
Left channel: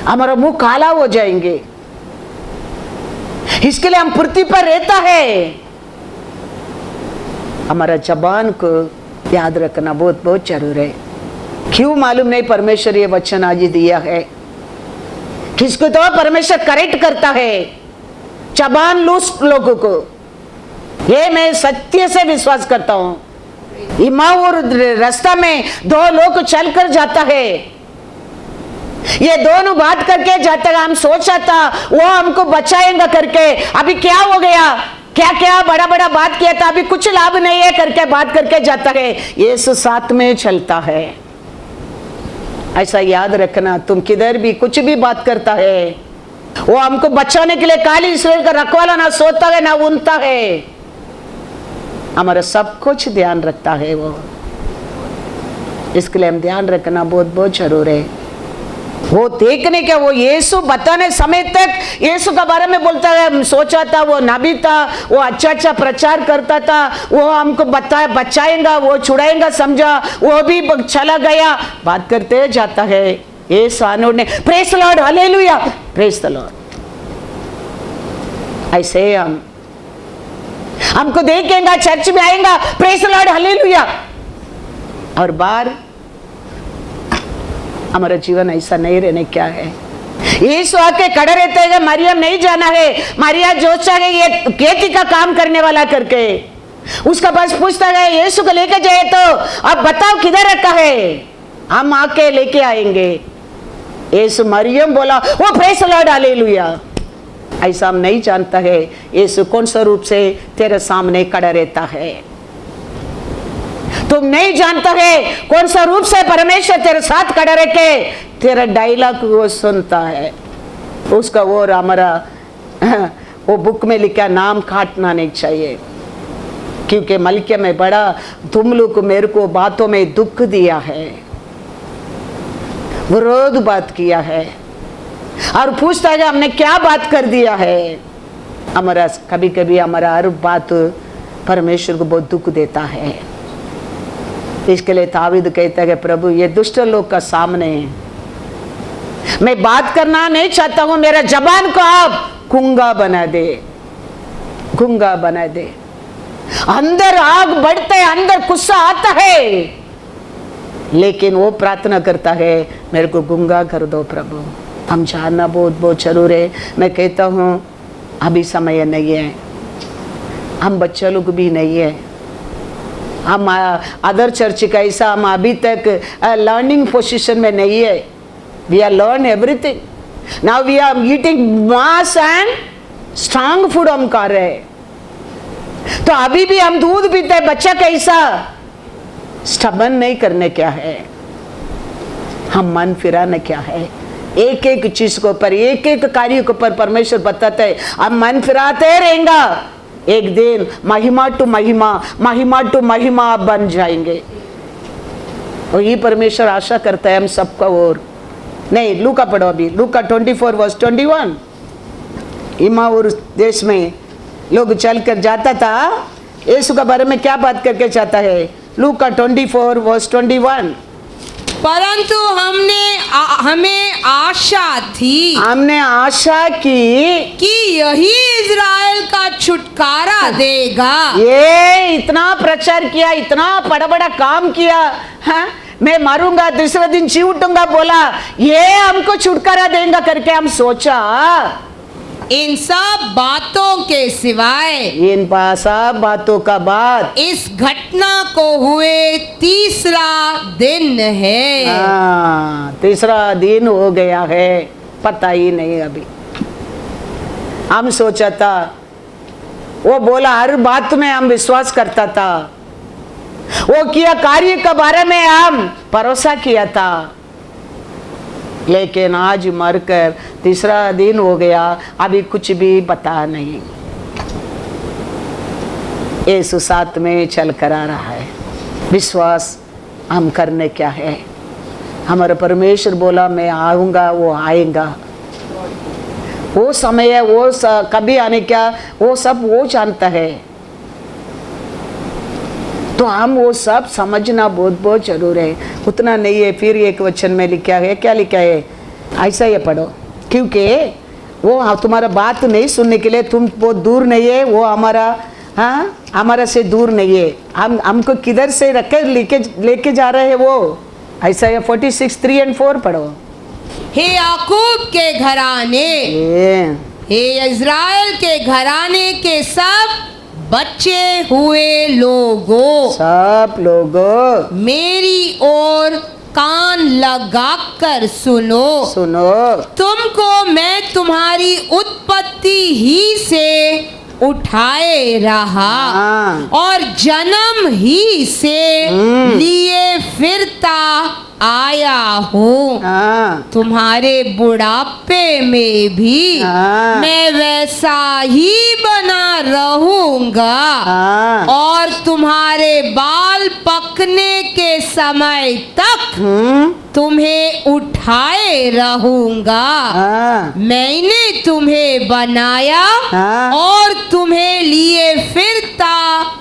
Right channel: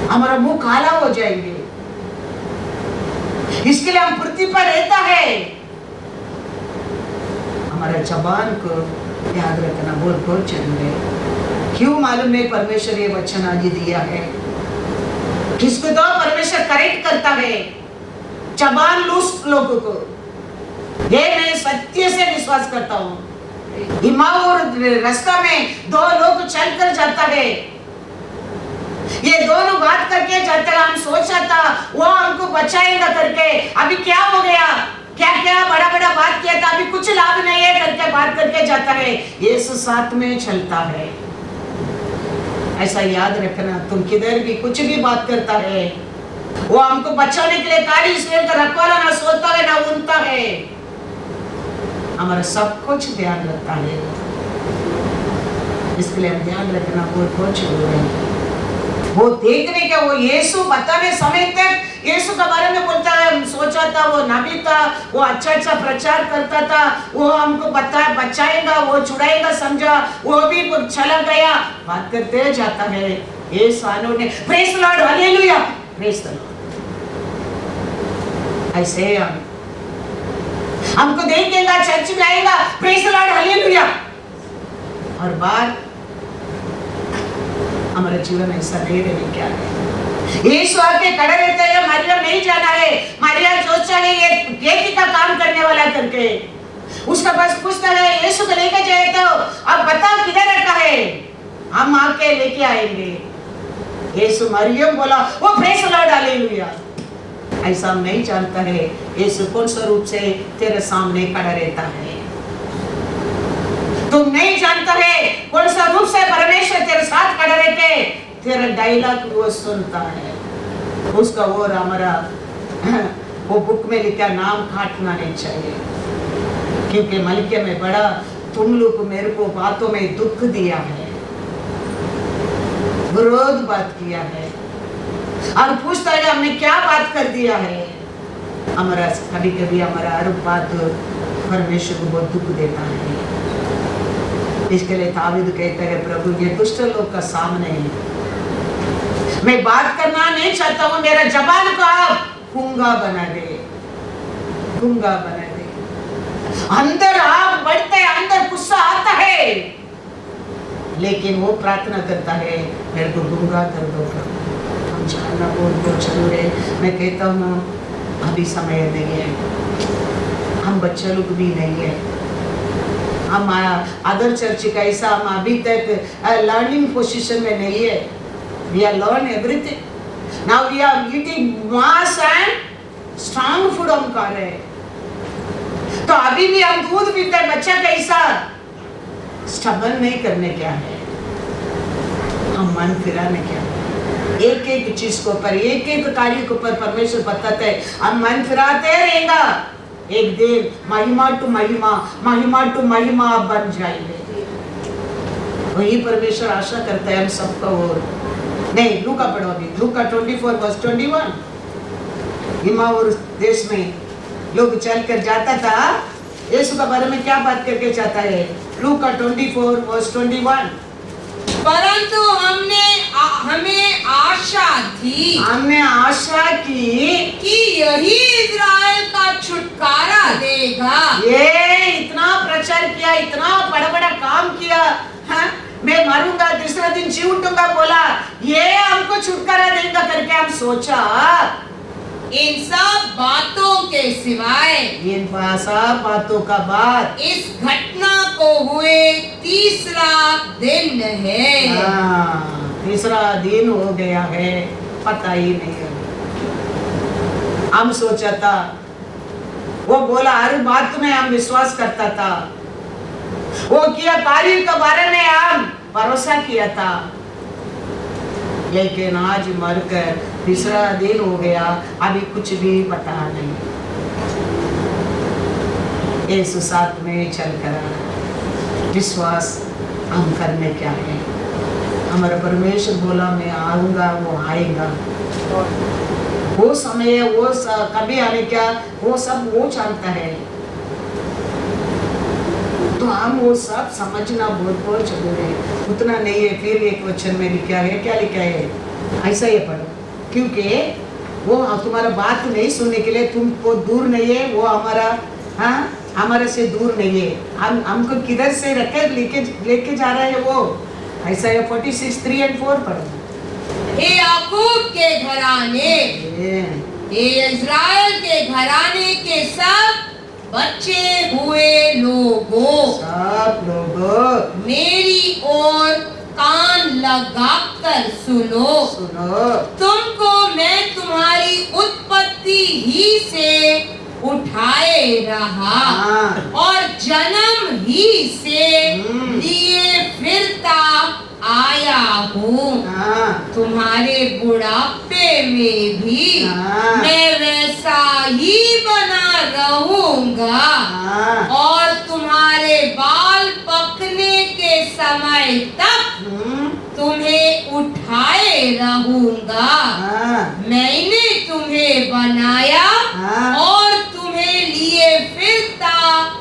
हमारा मुंह काला हो जाएंगे। इसके लिए हम पृथ्वी पर रहता है, हमारा जबान को याद रखना बहुत बहुत जरूरी है। क्यों मालूम नहीं, परमेश्वर ये वचन आज दिया है। किसको तो परमेश्वर करेक्ट करता है, जबान लूस लोगों को। ये मैं सत्य से विश्वास करता हूं। इमाऊर रास्ता में दो लोग चलकर जाता है, ये दोनों बात करके जाता है। हम सोचा था वो हमको बचाएंगा करके, अभी क्या हो गया, क्या क्या बड़ा बड़ा बात किया था, अभी कुछ लाभ नहीं है करके बात करके जाता है। यीशु साथ में चलता है। ऐसा याद रखना, तुम किधर भी कुछ भी बात करता है, वो हमको बचाने के लिए काली सूर्य का रखवाला ना सोता है ना उनता है, हमारा सब कुछ ध्यान रखता है वो। इसके लिए हम ध्यान रखना बहुत बहुत जरूर है। वो देखने के, वो यीशु बताने समय तक यीशु के बारे में बोलता है, सोचा था वो नबी था, वो अच्छा अच्छा प्रचार करता था, वो हमको बचाएगा, वो छुड़ाएगा समझा, वो भी चला गया, बात करते जाता है। यीशु आनोड ने praise the Lord, hallelujah, praise the Lord. ऐसे हमको देखेगा, चर्च में आएगा, प्रेज द लॉर्ड, हालेलुया, और बाहर हमारा जीवन ऐसा नहीं रहने क्या है। यीशु आके खड़े रहते हैं, मरियम नहीं जाना है, मरिया जोशा है ये खेती का काम करने वाला करके, उसका पास पूछता है यीशु को लेके जाए तो अब बताओ किधर रखा है, हम आके लेके आएंगे। यीशु मरियम बोला वो प्रेज द लॉर्ड, हालेलुया। ऐसा हम नहीं जानता है यीशु कौन सा रूप से तेरे सामने खड़ा रहता है। तुम नहीं जानता है कौन सा रूप से परमेश्वर तेरे साथ खड़ा रह के तेरा डायलॉग वो सुनता है। उसका वो हमारा वो बुक में लिखा नाम काटना नहीं चाहिए, क्योंकि मलकिया में बड़ा तुम लोग को मेरे को बातों में दुख दिया है, विरोध बात किया है, और पूछता है हमने क्या बात कर दिया है। हमारा कभी कभी हमारा हर बात परमेश्वर को बहुत दुख देता है। इसके लिए दाऊद कहता है प्रभु ये दुष्ट लोग का सामने मैं बात करना नहीं चाहता हूं, मेरा जबान को आप गूंगा बना दे, गूंगा बना दे। अंदर आग बढ़ता है, अंदर गुस्सा आता है, लेकिन वो प्रार्थना करता है मेरे को गूंगा कर दो प्रभु। हम जानना बहुत बहुत जरूर है। मैं कहता हूं अभी समय नहीं है, हम बच्चे लोग भी नहीं है, हम अदर चर्च का ऐसा हम अभी तक लर्निंग पोजीशन में नहीं है। We are learn everything now, we are eating mass and strong food हम कर रहे हैं। तो अभी भी हम दूध पीते हैं, बच्चा कैसा स्टबन नहीं करने क्या है, हम मन फिराने क्या है। एक एक चीज को ऊपर, एक एक कार्य के ऊपर परमेश्वर बताते हैं, हम मन फिराते रहेंगे, एक दिन महिमा टू महिमा, महिमा टू महिमा बन जाएंगे। और ये परमेश्वर आशा करता है हम सबका। और नहीं, लूका पढ़ो अभी, लूका 24:21। इमाऊर देश में लोग चलकर जाता था, यीशु के बारे में क्या बात करके जाता है। लूका 24:21। परंतु हमें आशा थी, हमने आशा की कि यही इज़राइल का छुटकारा देगा। ये इतना प्रचार किया, इतना बड़ा बड़ा काम किया, हाँ? मैं मारूंगा दूसरे दिन जी उठूंगा बोला, ये हमको छुटकारा देगा करके हम सोचा। इन सब बातों के सिवाय, इन सब बातों का बाद इस घटना को हुए तीसरा दिन है। तीसरा दिन हो गया है, पता ही नहीं अभी। हम सोचा था, वो बोला हर बात में हम विश्वास करता था, वो किया कार्य के बारे में हम भरोसा किया था, लेकिन आज मरकर तीसरा दिन हो गया, अभी कुछ भी पता नहीं। यीशु साथ में चल कर आ रहा है। विश्वास हम करने क्या है। हमारा परमेश्वर बोला मैं आऊंगा, वो आएगा, वो समय है, वो कभी आने क्या, वो सब वो जानता है। तो हम वो सब समझना बहुत बहुत जरूर है। उतना नहीं है। फिर एक वचन में लिखा है, क्या लिखा है, ऐसा ये पढ़ो, क्योंकि वो तुम्हारा बात नहीं सुनने के लिए तुम बहुत दूर नहीं है, वो हमारा हमारा से दूर नहीं है। हमको किधर से रखे लेके जा रहे हैं वो। ऐसा है 46:3 और 4 पढ़ो। हे याकूब के घराने, हे इज़राइल के घराने के सब बचे हुए लोगों, सब लोगों मेरी ओर कान लगाकर सुनो। सुनो, तुमको मैं तुम्हारी उत्पत्ति ही से उठाए रहा हाँ। और जन्म ही से लिए फिरता आया हूँ। हाँ, तुम्हारे बुढ़ापे में भी हाँ। मैं वैसा ही बना रहूंगा हाँ। और तुम्हारे बाल पकने के समय तक तुम्हें उठाए रहूंगा। हाँ। मैंने तुम्हें बनाया हाँ। और तुम्हें लिए फिरता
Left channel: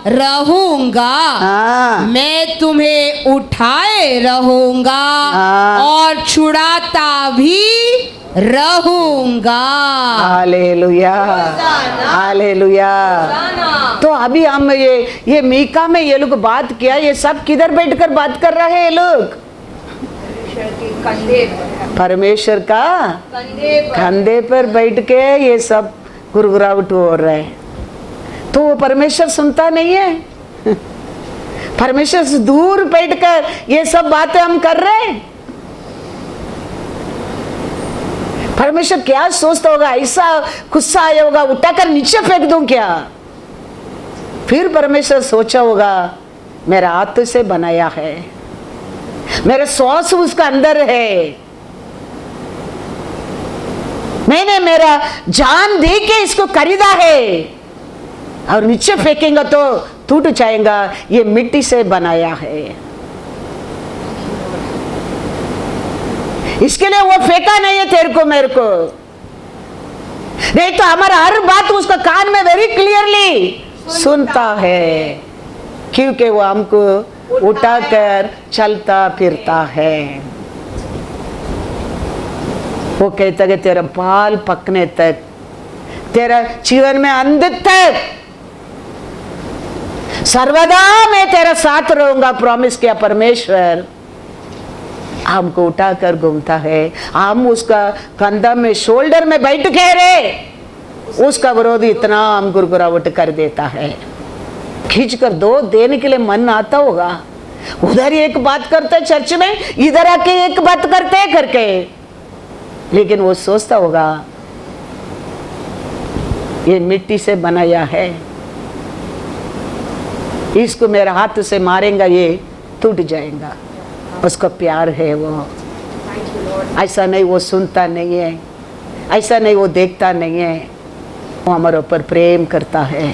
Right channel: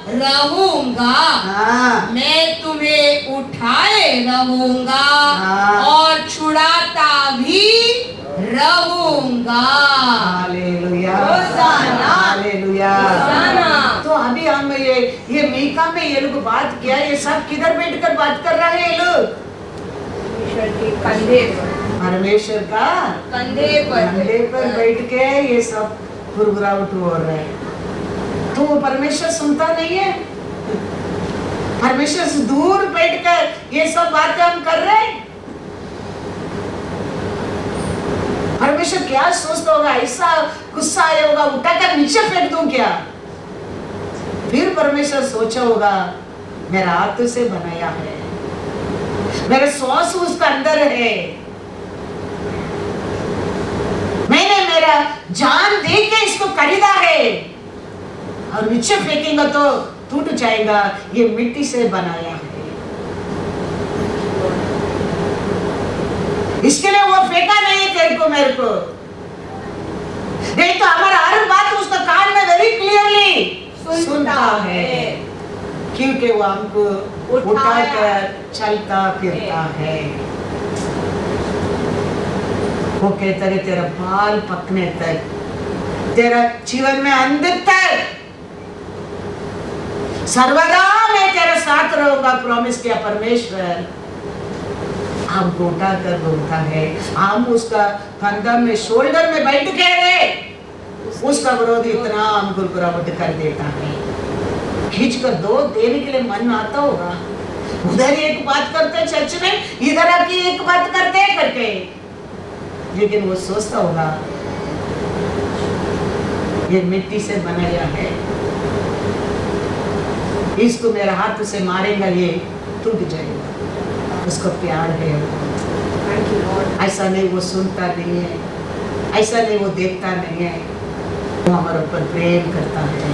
रहूंगा। हाँ। मैं तुम्हें उठाए रहूंगा हाँ। और छुड़ाता भी रहूंगा। Hallelujah, hallelujah. तो अभी हम ये मीका में ये लोग बात किया, ये सब किधर बैठकर बात कर रहे हैं ये लोग? परमेश्वर का कंधे पर बैठ के ये सब गुरगुराहट हो रहा है। तो वो परमेश्वर सुनता नहीं है? परमेश्वर से दूर बैठकर ये सब बातें हम कर रहे हैं। परमेश्वर क्या सोचता होगा? ऐसा गुस्सा आया होगा, उठाकर नीचे फेंक दूं क्या? फिर परमेश्वर सोचा होगा मेरा हाथ से बनाया है, मेरे श्वास उसका अंदर है, मैंने मेरा जान दे के इसको खरीदा है, और नीचे फेंकेंगे तो टूट जाएगा, ये मिट्टी से बनाया है। इसके लिए वो फेंका नहीं है तेरे को मेरे को, नहीं तो हमारा हर बात उसका कान में वेरी क्लियरली सुनता है, क्योंकि वो हमको उठाकर चलता फिरता है। वो कहता है तेरा बाल पकने तक, तेरा जीवन में अंत तक सर्वदा मैं तेरा साथ रहूंगा, प्रॉमिस किया परमेश्वर। हमको उठाकर घूमता है, हम उसका कंधा में शोल्डर में बैठ के रे, उसका विरोधी इतना हम गुरगुराहट कर देता है, खींच कर दो देने के लिए मन आता होगा। उधर एक बात करते चर्च में, इधर आके एक बात करते करके, लेकिन वो सोचता होगा ये मिट्टी से बनाया है, इसको मेरे हाथ से मारेगा ये टूट जाएगा। उसका प्यार है वो, ऐसा नहीं वो सुनता नहीं है, ऐसा नहीं वो देखता नहीं है, वो हमारे ऊपर प्रेम करता है।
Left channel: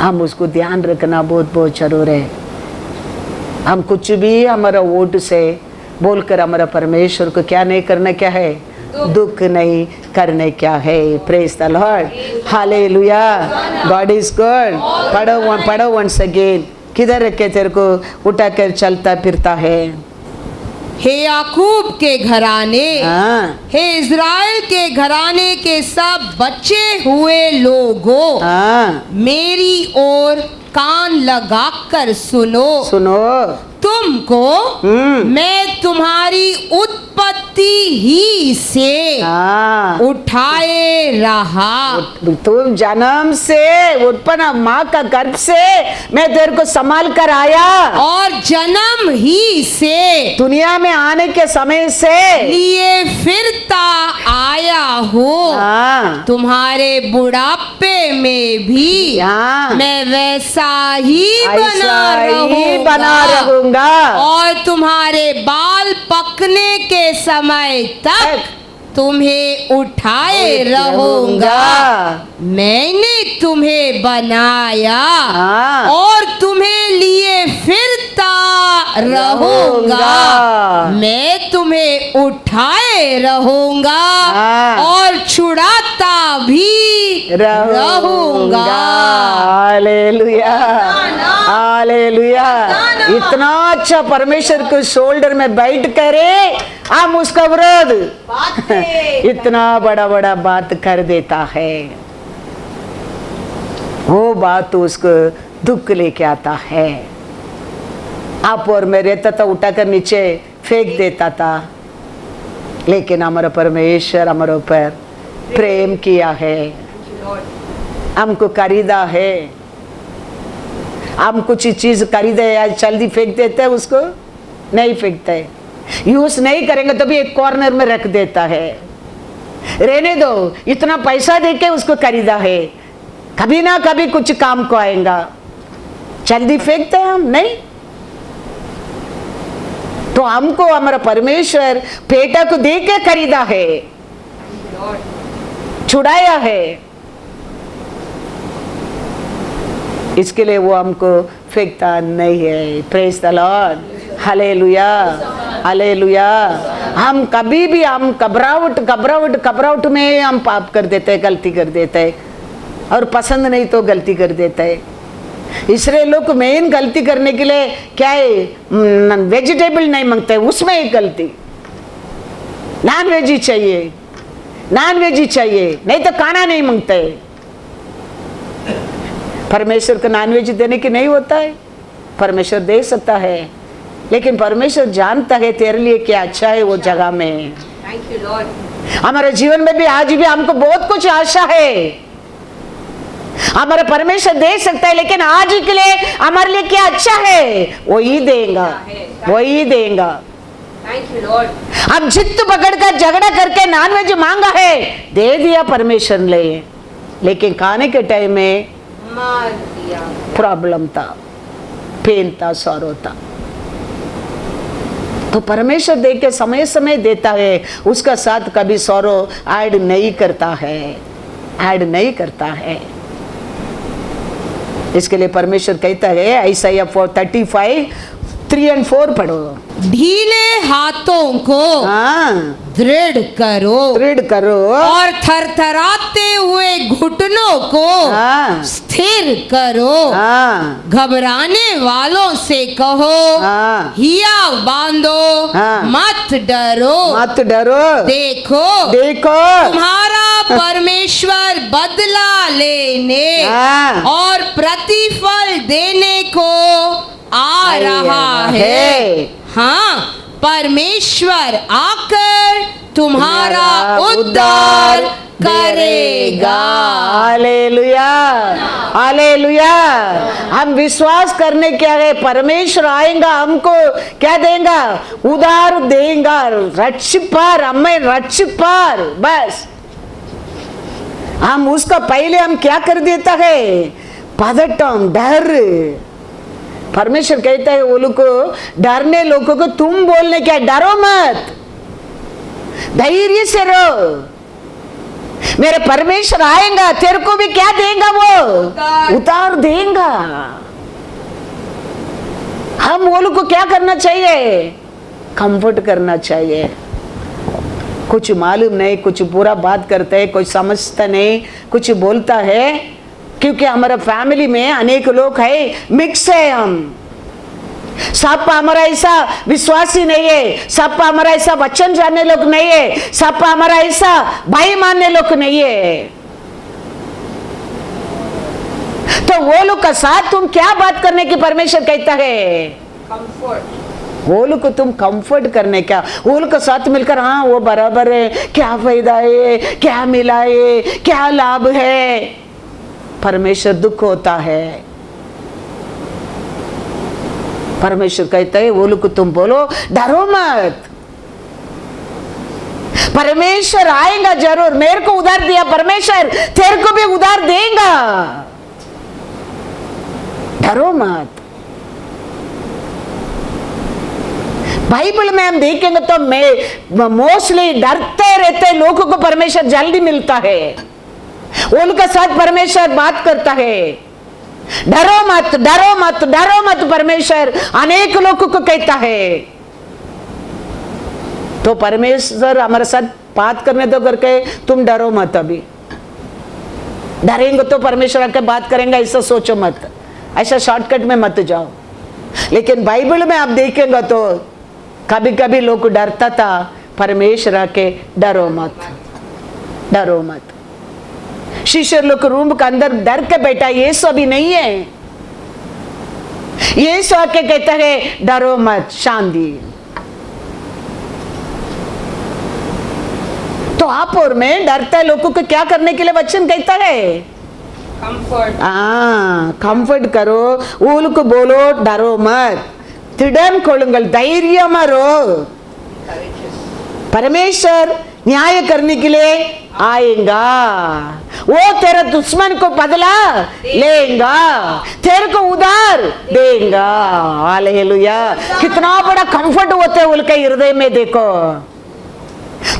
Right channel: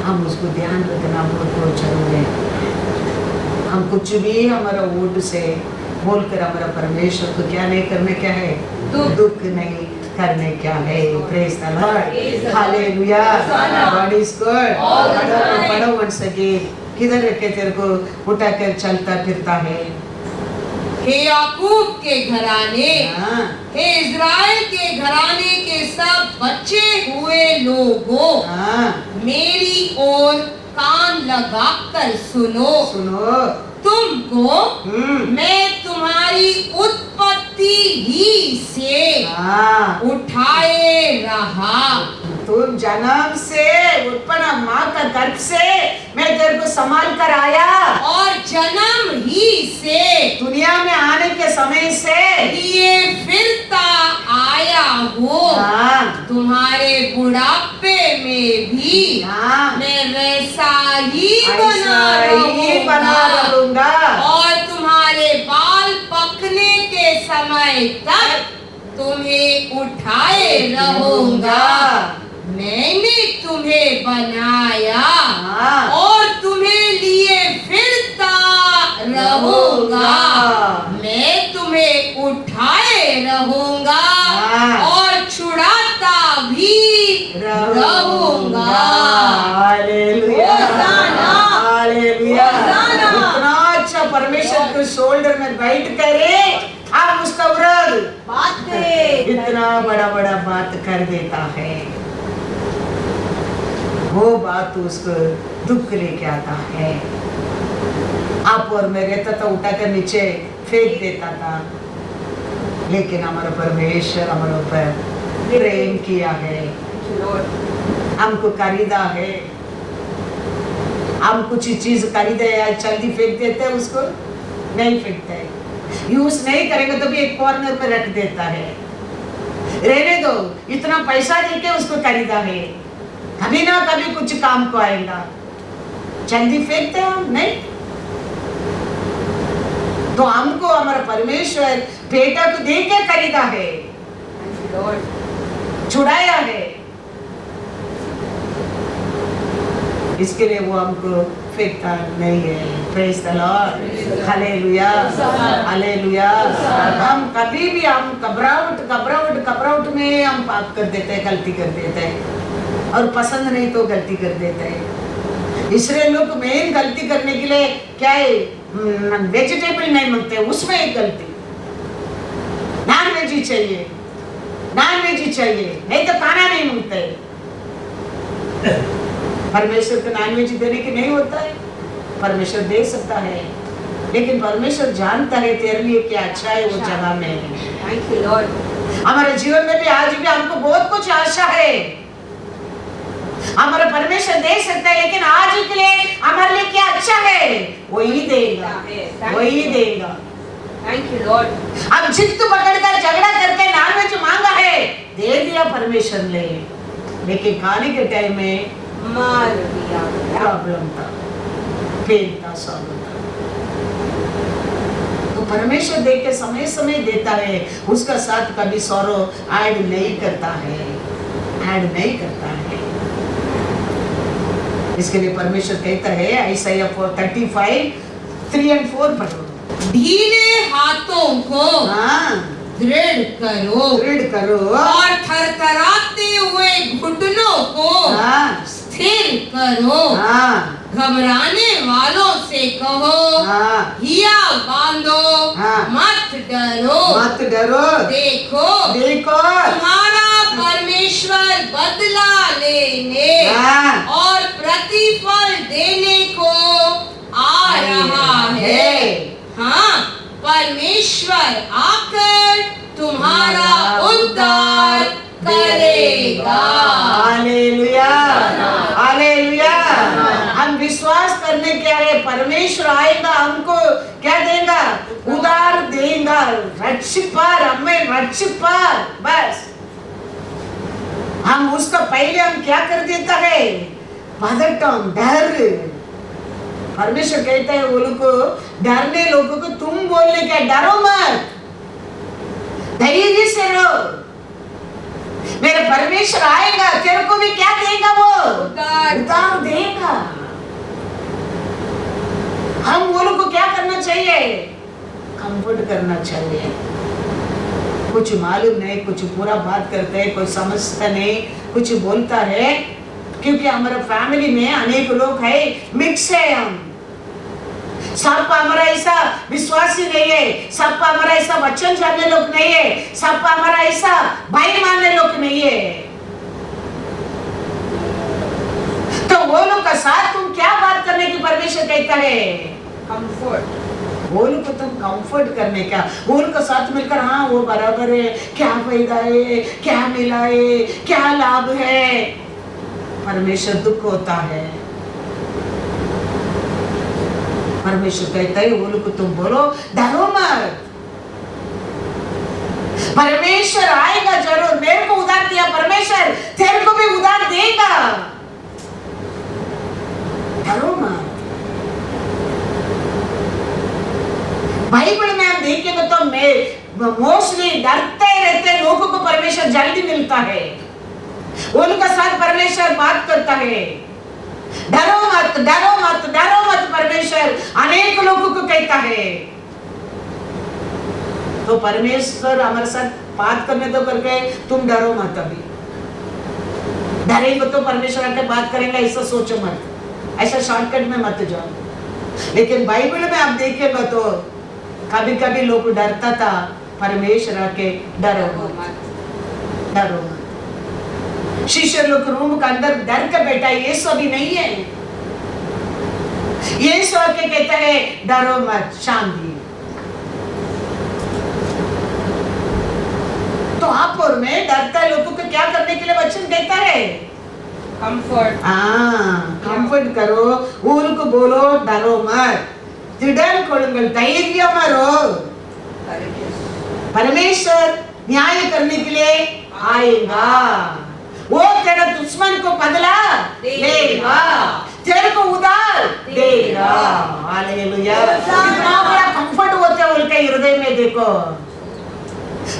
हम उसको ध्यान रखना बहुत बहुत जरूर है। हम कुछ भी हमारा वोट से बोलकर हमारा परमेश्वर को क्या नहीं करना, क्या है दुख नहीं करने क्या है। Praise the Lord, hallelujah, God is good. पढ़ो वंस अगेन, किधर रखे तेरे को उठाकर चलता फिरता है। हे याकूब के घराने, हाँ। हे इज़राइल के घराने के सब बचे हुए लोगों, हाँ। मेरी ओर कान लगाकर सुनो। सुनो, तुमको मैं तुम्हारी उत्पत्ति ही से हाँ। उठाए रहा। तुम जन्म से उत्पन्न माँ का गर्भ से मैं तेरे को संभाल कर आया, और जन्म ही से दुनिया में आने के समय से लिए फिरता आया हूँ। हाँ। तुम्हारे बुढ़ापे में भी हाँ। मैं वैसा ही ऐसा ही बना बना रहूंगा, और तुम्हारे बाल पकने के समय तक तुम्हें उठाए रहूंगा। मैंने तुम्हें बनाया हाँ। और तुम्हें लिए फिरता रहूंगा। मैं तुम्हें उठाए रहूंगा हाँ। और छुड़ाता भी रहूंगा। Hallelujah, hallelujah. इतना अच्छा परमेश्वर के शोल्डर में बैठ करे हम उसका विरोध इतना बड़ा बड़ा बात कर देता है। वो बात तो उसको दुख लेके आता है। आप और मैं रहता था, उठाकर नीचे फेंक देता था, लेकिन हमारा परमेश्वर हमारे ऊपर प्रेम किया है, हमको खरीदा है। हम कुछ चीज खरीदे या जल्दी फेंक देते हैं, उसको नहीं फेंकते, यूज नहीं करेंगे तो भी एक कॉर्नर में रख देता है। रहने दो, इतना पैसा देके उसको खरीदा है, कभी ना कभी कुछ काम को आएगा, जल्दी फेंकते हैं हम नहीं। तो हमको हमारा परमेश्वर बेटा को दे के खरीदा है, छुड़ाया है, इसके लिए वो हमको फेंकता नहीं है। Praise the Lord, hallelujah, hallelujah. हम कभी भी हम घबराहट में हम पाप कर देते हैं, गलती कर देते हैं, और पसंद नहीं तो गलती कर देते हैं। इसलिए लोग मेन गलती करने के लिए क्या है, वेजिटेबल नहीं मांगते, उसमें एक गलती, नॉन वेज ही चाहिए, नॉन वेज ही चाहिए, नहीं तो खाना नहीं मांगते। परमेश्वर को नॉन वेज देने की नहीं होता है, परमेश्वर दे सकता है, लेकिन परमेश्वर जानता है तेरे लिए क्या अच्छा है वो जगह में। Thank you Lord. हमारे जीवन में भी आज भी हमको बहुत कुछ आशा है, हमारा परमेश्वर दे सकता है, लेकिन आज के लिए हमारे लिए क्या अच्छा है वही देगा, वही देगा। Thank you Lord. अब जिद पकड़कर झगड़ा करके नॉनवेज मांगा है, दे दिया परमेश्वर ने, लेकिन खाने के टाइम में मार दिया, प्रॉब्लम था, पेन था, सॉरो था। तो परमेश्वर दे के समय समय देता है, उसका साथ कभी सॉरो ऐड नहीं करता है, ऐड नहीं करता है। इसके लिए परमेश्वर कहता है, Isaiah 35:3 और 4 पढ़ो। ढीले हाथों को दृढ़ करो और थरथराते हुए घुटनों को स्थिर करो। घबराने वालों से कहो, हिया बांधो, मत डरो, देखो तुम्हारा परमेश्वर बदला लेने और प्रतिफल देने को आ रहा है। हाँ, परमेश्वर आकर तुम्हारा उद्धार करेगा। Hallelujah, hallelujah. हम विश्वास करने क्या है, परमेश्वर आएगा, हमको क्या देगा, उद्धार देगा, रक्षिपार, हमें रक्षिपार। बस हम उसका पहले हम क्या कर देता है, पदटम, डर। परमेश्वर कहता है वो लोग को, डरने लोगों को तुम बोलने क्या, डरो मत, धैर्य से रहो, मेरे परमेश्वर आएगा, तेरे को भी क्या देगा, वो उतार देगा। हम वो लोग को क्या करना चाहिए, कंफर्ट करना चाहिए। कुछ मालूम नहीं, कुछ बुरा बात करते है, कुछ समझता नहीं, कुछ बोलता है, क्योंकि हमारा फैमिली में अनेक लोग है, मिक्स है। हम सब हमारा ऐसा विश्वासी नहीं है, सब हमारा ऐसा वचन जानने लोग नहीं है, सब हमारा ऐसा भाई मानने लोग नहीं है। तो वो लोग का साथ तुम क्या बात करने की परमेश्वर कहता है, कंफर्ट। वो लोग को तुम कंफर्ट करने का, वो लोग का साथ मिलकर, हाँ वो बराबर है, क्या फायदा है, क्या मिला है, क्या लाभ है। परमेश्वर दुख होता है, परमेश्वर कहता है वो लोग को तुम बोलो, डरो मत, परमेश्वर आएगा जरूर, मेरे को उधार दिया परमेश्वर, तेरे को भी उधार देगा, डरो मत। बाइबल में हम देखेंगे तो मोस्टली डरते रहते लोगों को परमेश्वर जल्दी मिलता है, उनके साथ परमेश्वर बात करता है, डरो मत, डरो मत, डरो मत, परमेश्वर अनेक लोगों को कहता है। तो परमेश्वर हमारे साथ बात करने दो करके तुम डरो मत, अभी डरेंगे तो परमेश्वर आके बात करेंगे ऐसा सोचो मत, ऐसा शॉर्टकट में मत जाओ। लेकिन बाइबल में आप देखेंगे तो कभी कभी लोग डरता था, परमेश्वर आके डरो मत, डरो मत। शिष्य लोग रूम के अंदर डर के बैठा, ये सब भी नहीं है, ये सब के कहता है डरो मत, शांति। आप और मैं डरते लोगों को क्या करने के लिए वचन कहता है? कंफर्ट। कंफर्ट करो, उनको बोलो डरो मत, திடன் கொள்ளுங்கள், தைரியமா रहो। परमेश्वर न्याय करने के लिए आएगा, वो तेरा दुश्मन को बदला लेगा, तेरे को उधार देगा। हालेलुया। कितना बड़ा कंफर्ट होता है उनके हृदय में, देखो।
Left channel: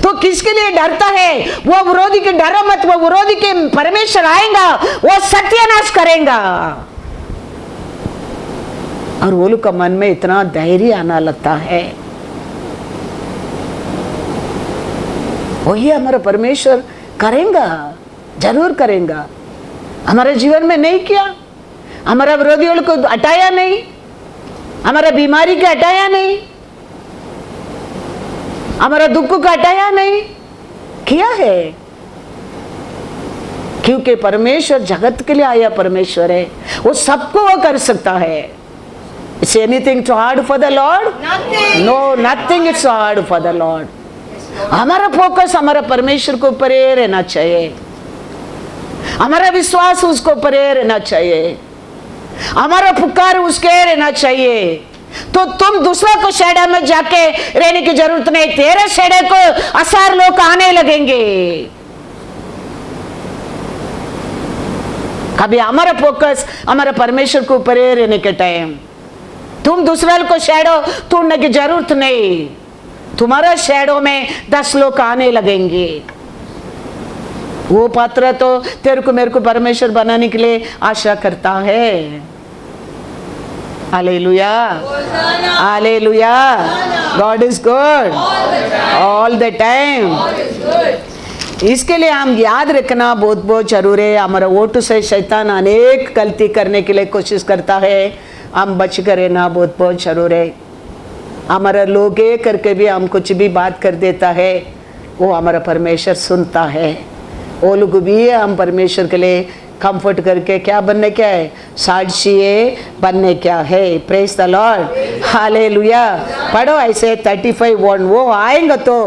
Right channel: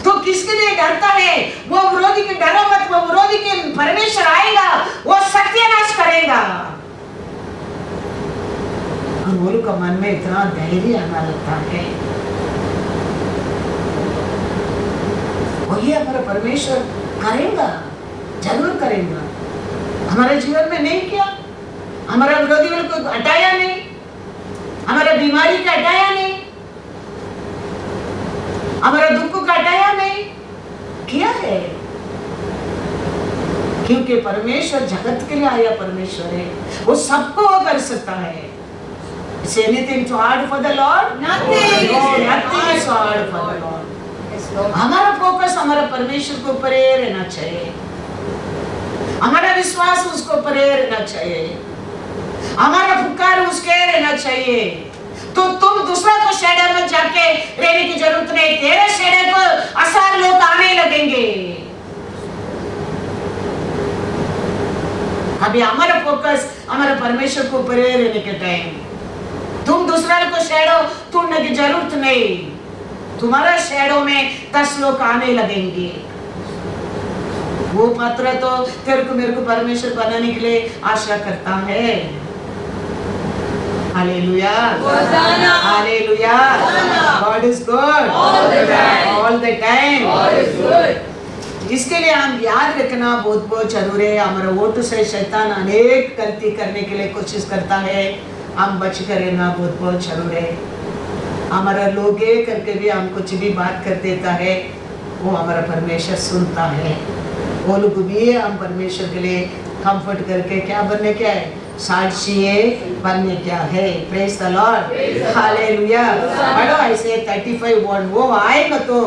तो किसके लिए डरता है? वो विरोधी के डरो मत, वो विरोधी के परमेश्वर आएगा, वो सत्यानाश करेगा। और वो लोग का मन में इतना धैर्य आना लगता है, वही हमारा परमेश्वर करेगा, जरूर करेगा। हमारे जीवन में नहीं किया, हमारा विरोधियों को हटाया नहीं, हमारा बीमारी का हटाया नहीं, हमारा दुख का हटाया नहीं, किया है। क्योंकि परमेश्वर जगत के लिए आया परमेश्वर है, वो सबको वो कर सकता है। Is anything too hard for the Lord? Nothing. No, nothing is so hard for the Lord. हमारा फोकस हमारा परमेश्वर को ऊपर ही रहना चाहिए, हमारा विश्वास उसको ऊपर ही रहना चाहिए, हमारा पुकार उसके रहना चाहिए। तो तुम दूसरा को शेडा में जाके रहने की जरूरत नहीं, तेरे शेडे को असार लोग आने लगेंगे। कभी हमारा फोकस हमारा परमेश्वर को ऊपर ही रहने के टाइम तुम दूसरा को शेडो तोड़ने की जरूरत नहीं, तुम्हारा शेडो में 10 लोग आने लगेंगे। वो पात्र तो तेरे को मेरे को परमेश्वर बनाने के लिए आशा करता है। Hallelujah, hallelujah. God is good all the time. इसके लिए हम याद रखना बहुत बहुत जरूरी है। हमारा वोट से शैतान अनेक गलती करने के लिए कोशिश करता है, हम बच कर रहना बहुत बहुत जरूर है। हमारा लोग ये करके भी हम कुछ भी बात कर देता है, वो हमारा परमेश्वर सुनता है। वो लोग भी हम परमेश्वर के लिए कंफर्ट करके क्या बनने क्या है, साक्षी है बनने क्या है। Praise the Lord, hallelujah. पढ़ो ऐसे 35:1, वो आएगा तो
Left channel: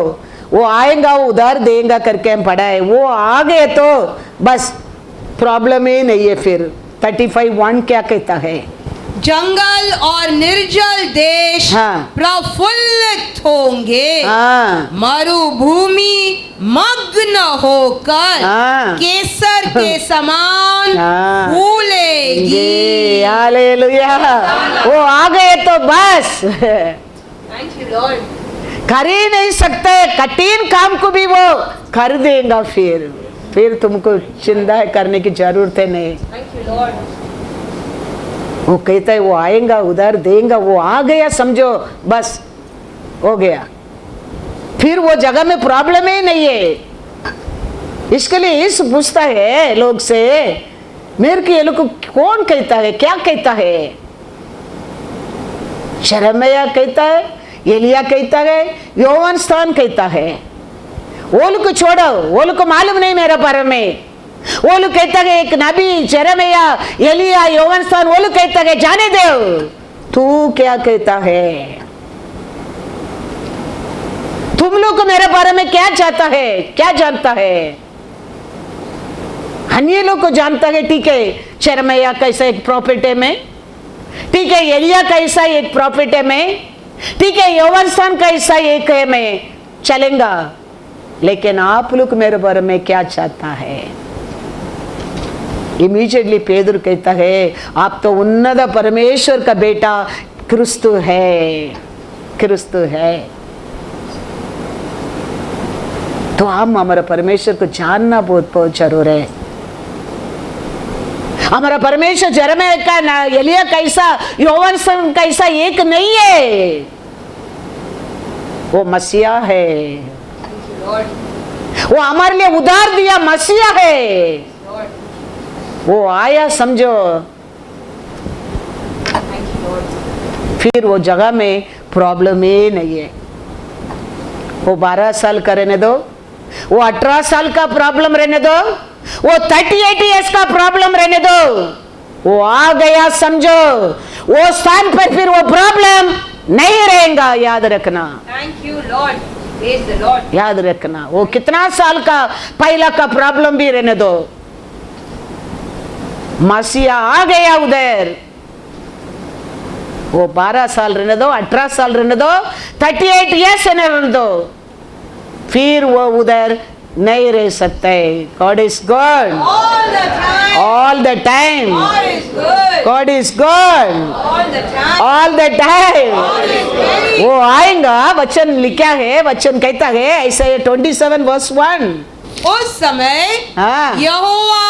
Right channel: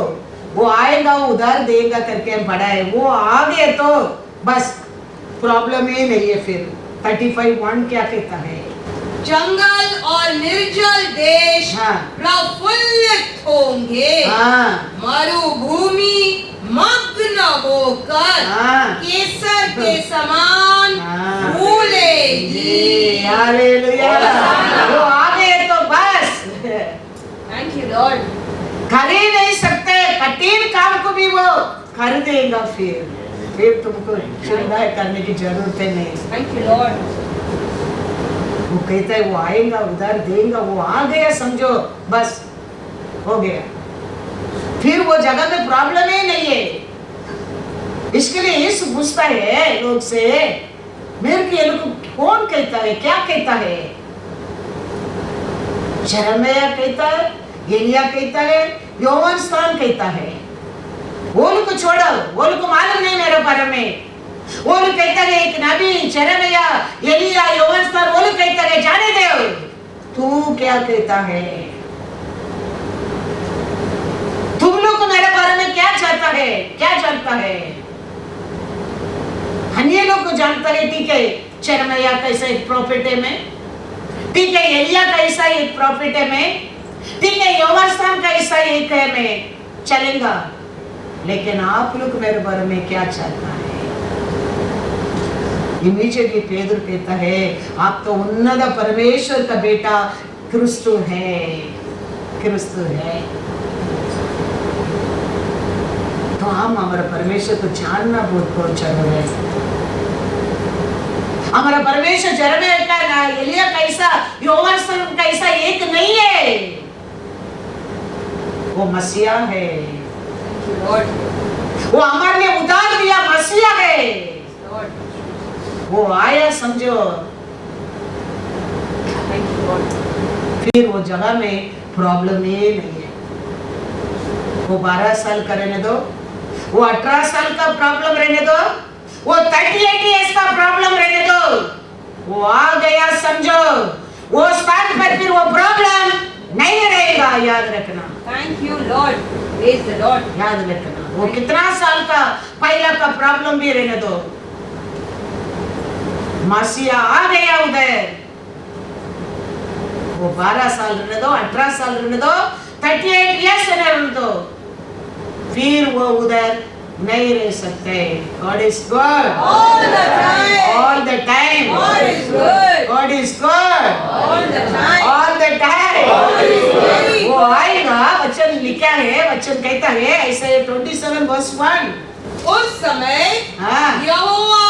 वो आएगा, वो उधार देगा करके हम पढ़ा है। वो आ गए तो बस प्रॉब्लम ही नहीं है। फिर 35:1 क्या कहता है? जंगल और निर्जल देश प्रफुल्लित होंगे, मरुभूमि मग्न होकर केसर के समान फूलेगी। हालेलुया। वो आ गए तो बस थैंक यू लॉर्ड। कर ही नहीं सकते, कठिन काम को भी वो कर देगा। फिर तुमको चिंता करने की जरूरत है नहीं। Thank you Lord. वो कहता है वो आएगा, उधार देगा, वो आ गया समझो, बस हो गया। फिर वो जगह में प्रॉब्लम ही नहीं है। इसके लिए इस पूछता है लोग से, मेरे के लोग कौन कहता है, क्या कहता है? शरमया कहता है, एलिया कहता है, योहान स्थान कहता है। वो लोग को छोड़ो, वो लोग को मालूम नहीं मेरे बारे में। वो लोग कहता है एक नबी जेरेमिया, एलिया, योहान स्थान, वो लोग कहता है जाने दो। तू क्या कहता है? तुम लोग को मेरे बारे में क्या चाहता है, क्या जानता है? अन्य लोग को जानता है, ठीक है। जेरेमिया कैसा एक प्रॉफिट है में, ठीक है। एलिया कैसा एक प्रॉफिट है में, ठीक है। योहान स्थान कैसा एक है में, चलेगा। लेकिन आप लोग मेरे बारे में क्या चाहता है? इमीडिएटली पेदर कहता है, आप तो उन्नत परमेश्वर का बेटा क्रिस्तु है, क्रिस्तु है। तो हम हमारा परमेश्वर को जानना बहुत बहुत जरूर है। हमारा परमेश्वर जेरेमिया का, एलिया कैसा, योहान स्थान कैसा एक नहीं है। वो मसीहा है, वो हमारे लिए उधार दिया मसीहा है। वो आया समझो, फिर वो जगह में प्रॉब्लम ही नहीं है। वो 12 साल का रहने दो, वो 18 साल का प्रॉब्लम रहने दो, वो 38 इयर्स का प्रॉब्लम रहने दो। वो आ गया समझो, वो स्थान पर फिर वो प्रॉब्लम नहीं रहेगा, याद रखना। Thank you Lord. Praise the Lord. याद रखना, वो कितना साल का पहला का प्रॉब्लम भी रहने दो, मसीहा आ गया उधर, वो 12 साल रहने दो, 18 साल रहने दो, 38 ईयर्स रहने दो, फिर वो उधर नहीं रह सकते। God is good All the time. all the time. God is good. God is good All the time. all the time. God is very वो आएगा, वचन लिखा है, वचन कहता है ऐसे 27 वर्स 1। उस समय हाँ। यहोवा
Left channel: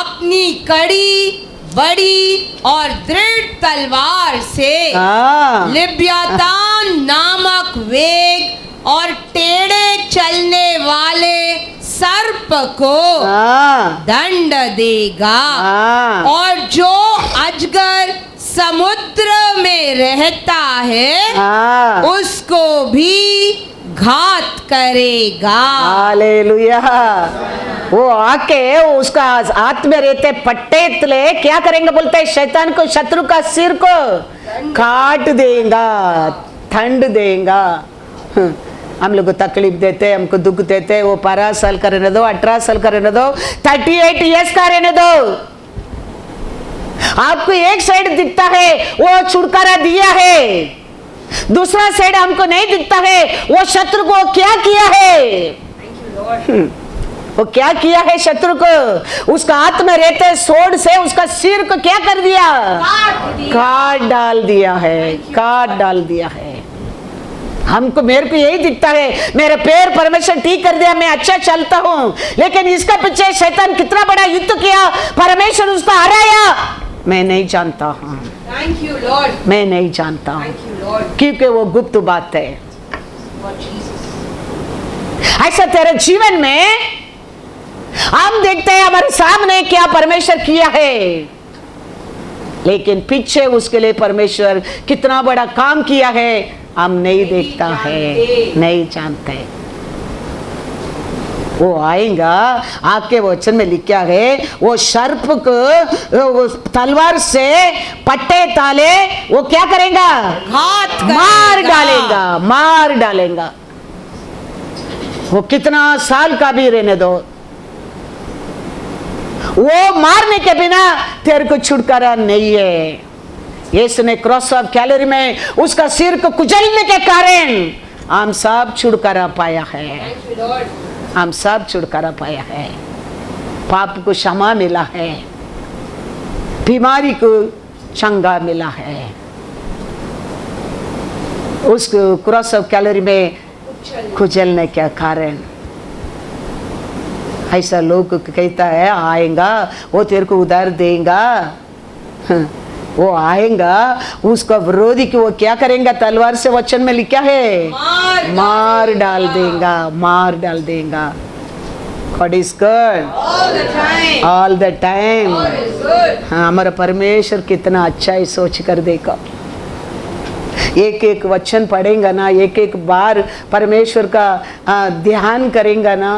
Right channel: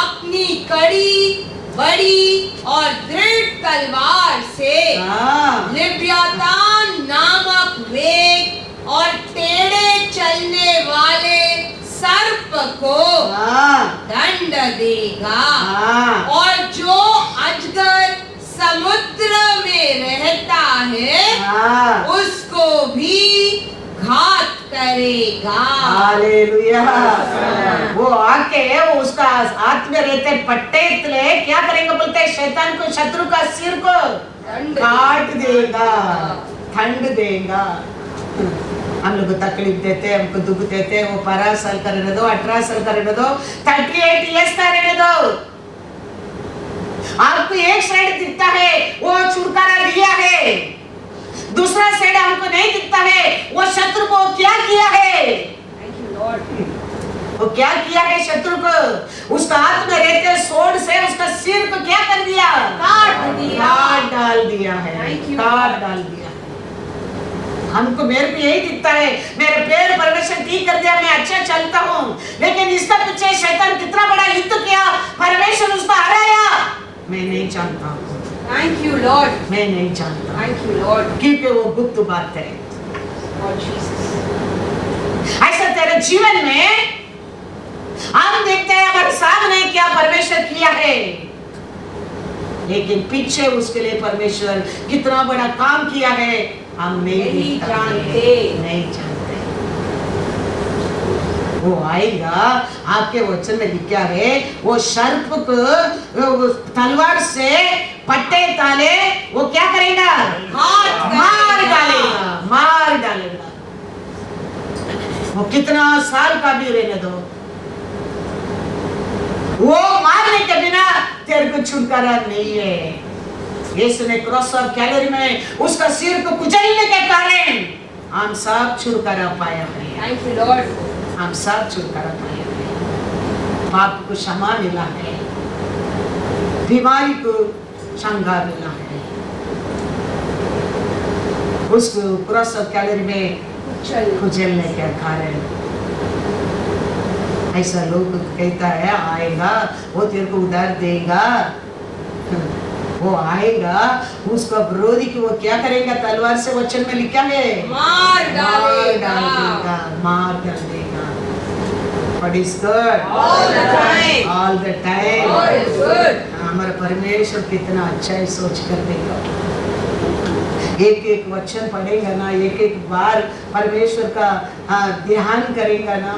अपनी कड़ी, बड़ी और दृढ़ तलवार से हाँ। लिव्यातान नामक वेग और टेढ़े चलने वाले सर्प को हाँ। दंड देगा, हाँ। और जो अजगर समुद्र में रहता है हाँ। उसको भी घात करेगा। हालेलुया। वो आके उसका हाथ में रहते पट्टे तले क्या करेंगे बोलते हैं, शैतान को, शत्रु का सिर को काट देगा, ठंड देगा। हम लोग को तकलीफ देते, हमको दुख देते, वो 12 साल का रहने दो, 18 साल का रहने दो, 38 ईयर्स का रहने दो। आपको एक साइड दिखता है वो छुटकारा दिया है, दूसरा साइड हमको नहीं दिखता है वो शत्रु को क्या किया है। वो क्या किया है शत्रु को, उसका हाथ में रहते सोड से उसका सिर को क्या कर दिया, काट डाल दिया है, काट डाल दिया है। हमको, मेरे को यही दिखता है, मेरे पैर परमेश्वर ठीक कर दिया, मैं अच्छा चलता हूँ, लेकिन इसका पीछे शैतान कितना बड़ा युद्ध किया, परमेश्वर उसको हराया, मैं नहीं जानता हूँ। Thank you, Lord. मैं नहीं जानता, Thank you, Lord. क्योंकि वो गुप्त बात है। Lord Jesus. ऐसा तेरे जीवन में हम देखते हैं हमारे सामने क्या परमेश्वर किया है, लेकिन पीछे उसके लिए परमेश्वर कितना बड़ा काम किया है हम नहीं देखता है, नहीं जानते। वो आएगा, आपके वचन में लिखा है वो सर्प को तलवार से पट्टे ताले वो क्या करेगा, मार डालेगा, मार डालेगा। वो कितना साल का भी रहने दो, वो मारने के बिना तेरे को छुटकारा नहीं है। यीशु ने क्रॉस ऑफ कैलोरी में उसका सिर को कुचलने के कारण हम सब छुटकारा पाया है। Thank you, Lord. हम सब छुटकारा पाया है, पाप को क्षमा मिला है, बीमारी को चंगा मिला है। उसको क्रॉस ऑफ कैलोरी में कुचलने के कारण ऐसा लोग कहता है आएगा वो तेरे को उधार देगा, वो आएगा उसका विरोधी को वो क्या करेगा, तलवार से वचन में लिखा है मार डाल देगा, मार डाल देगा। God is good all the time। हाँ, हमारा परमेश्वर कितना अच्छा है, सोच कर देखो। एक एक वचन पढ़ेगा ना, एक एक बार परमेश्वर का ध्यान करेगा ना,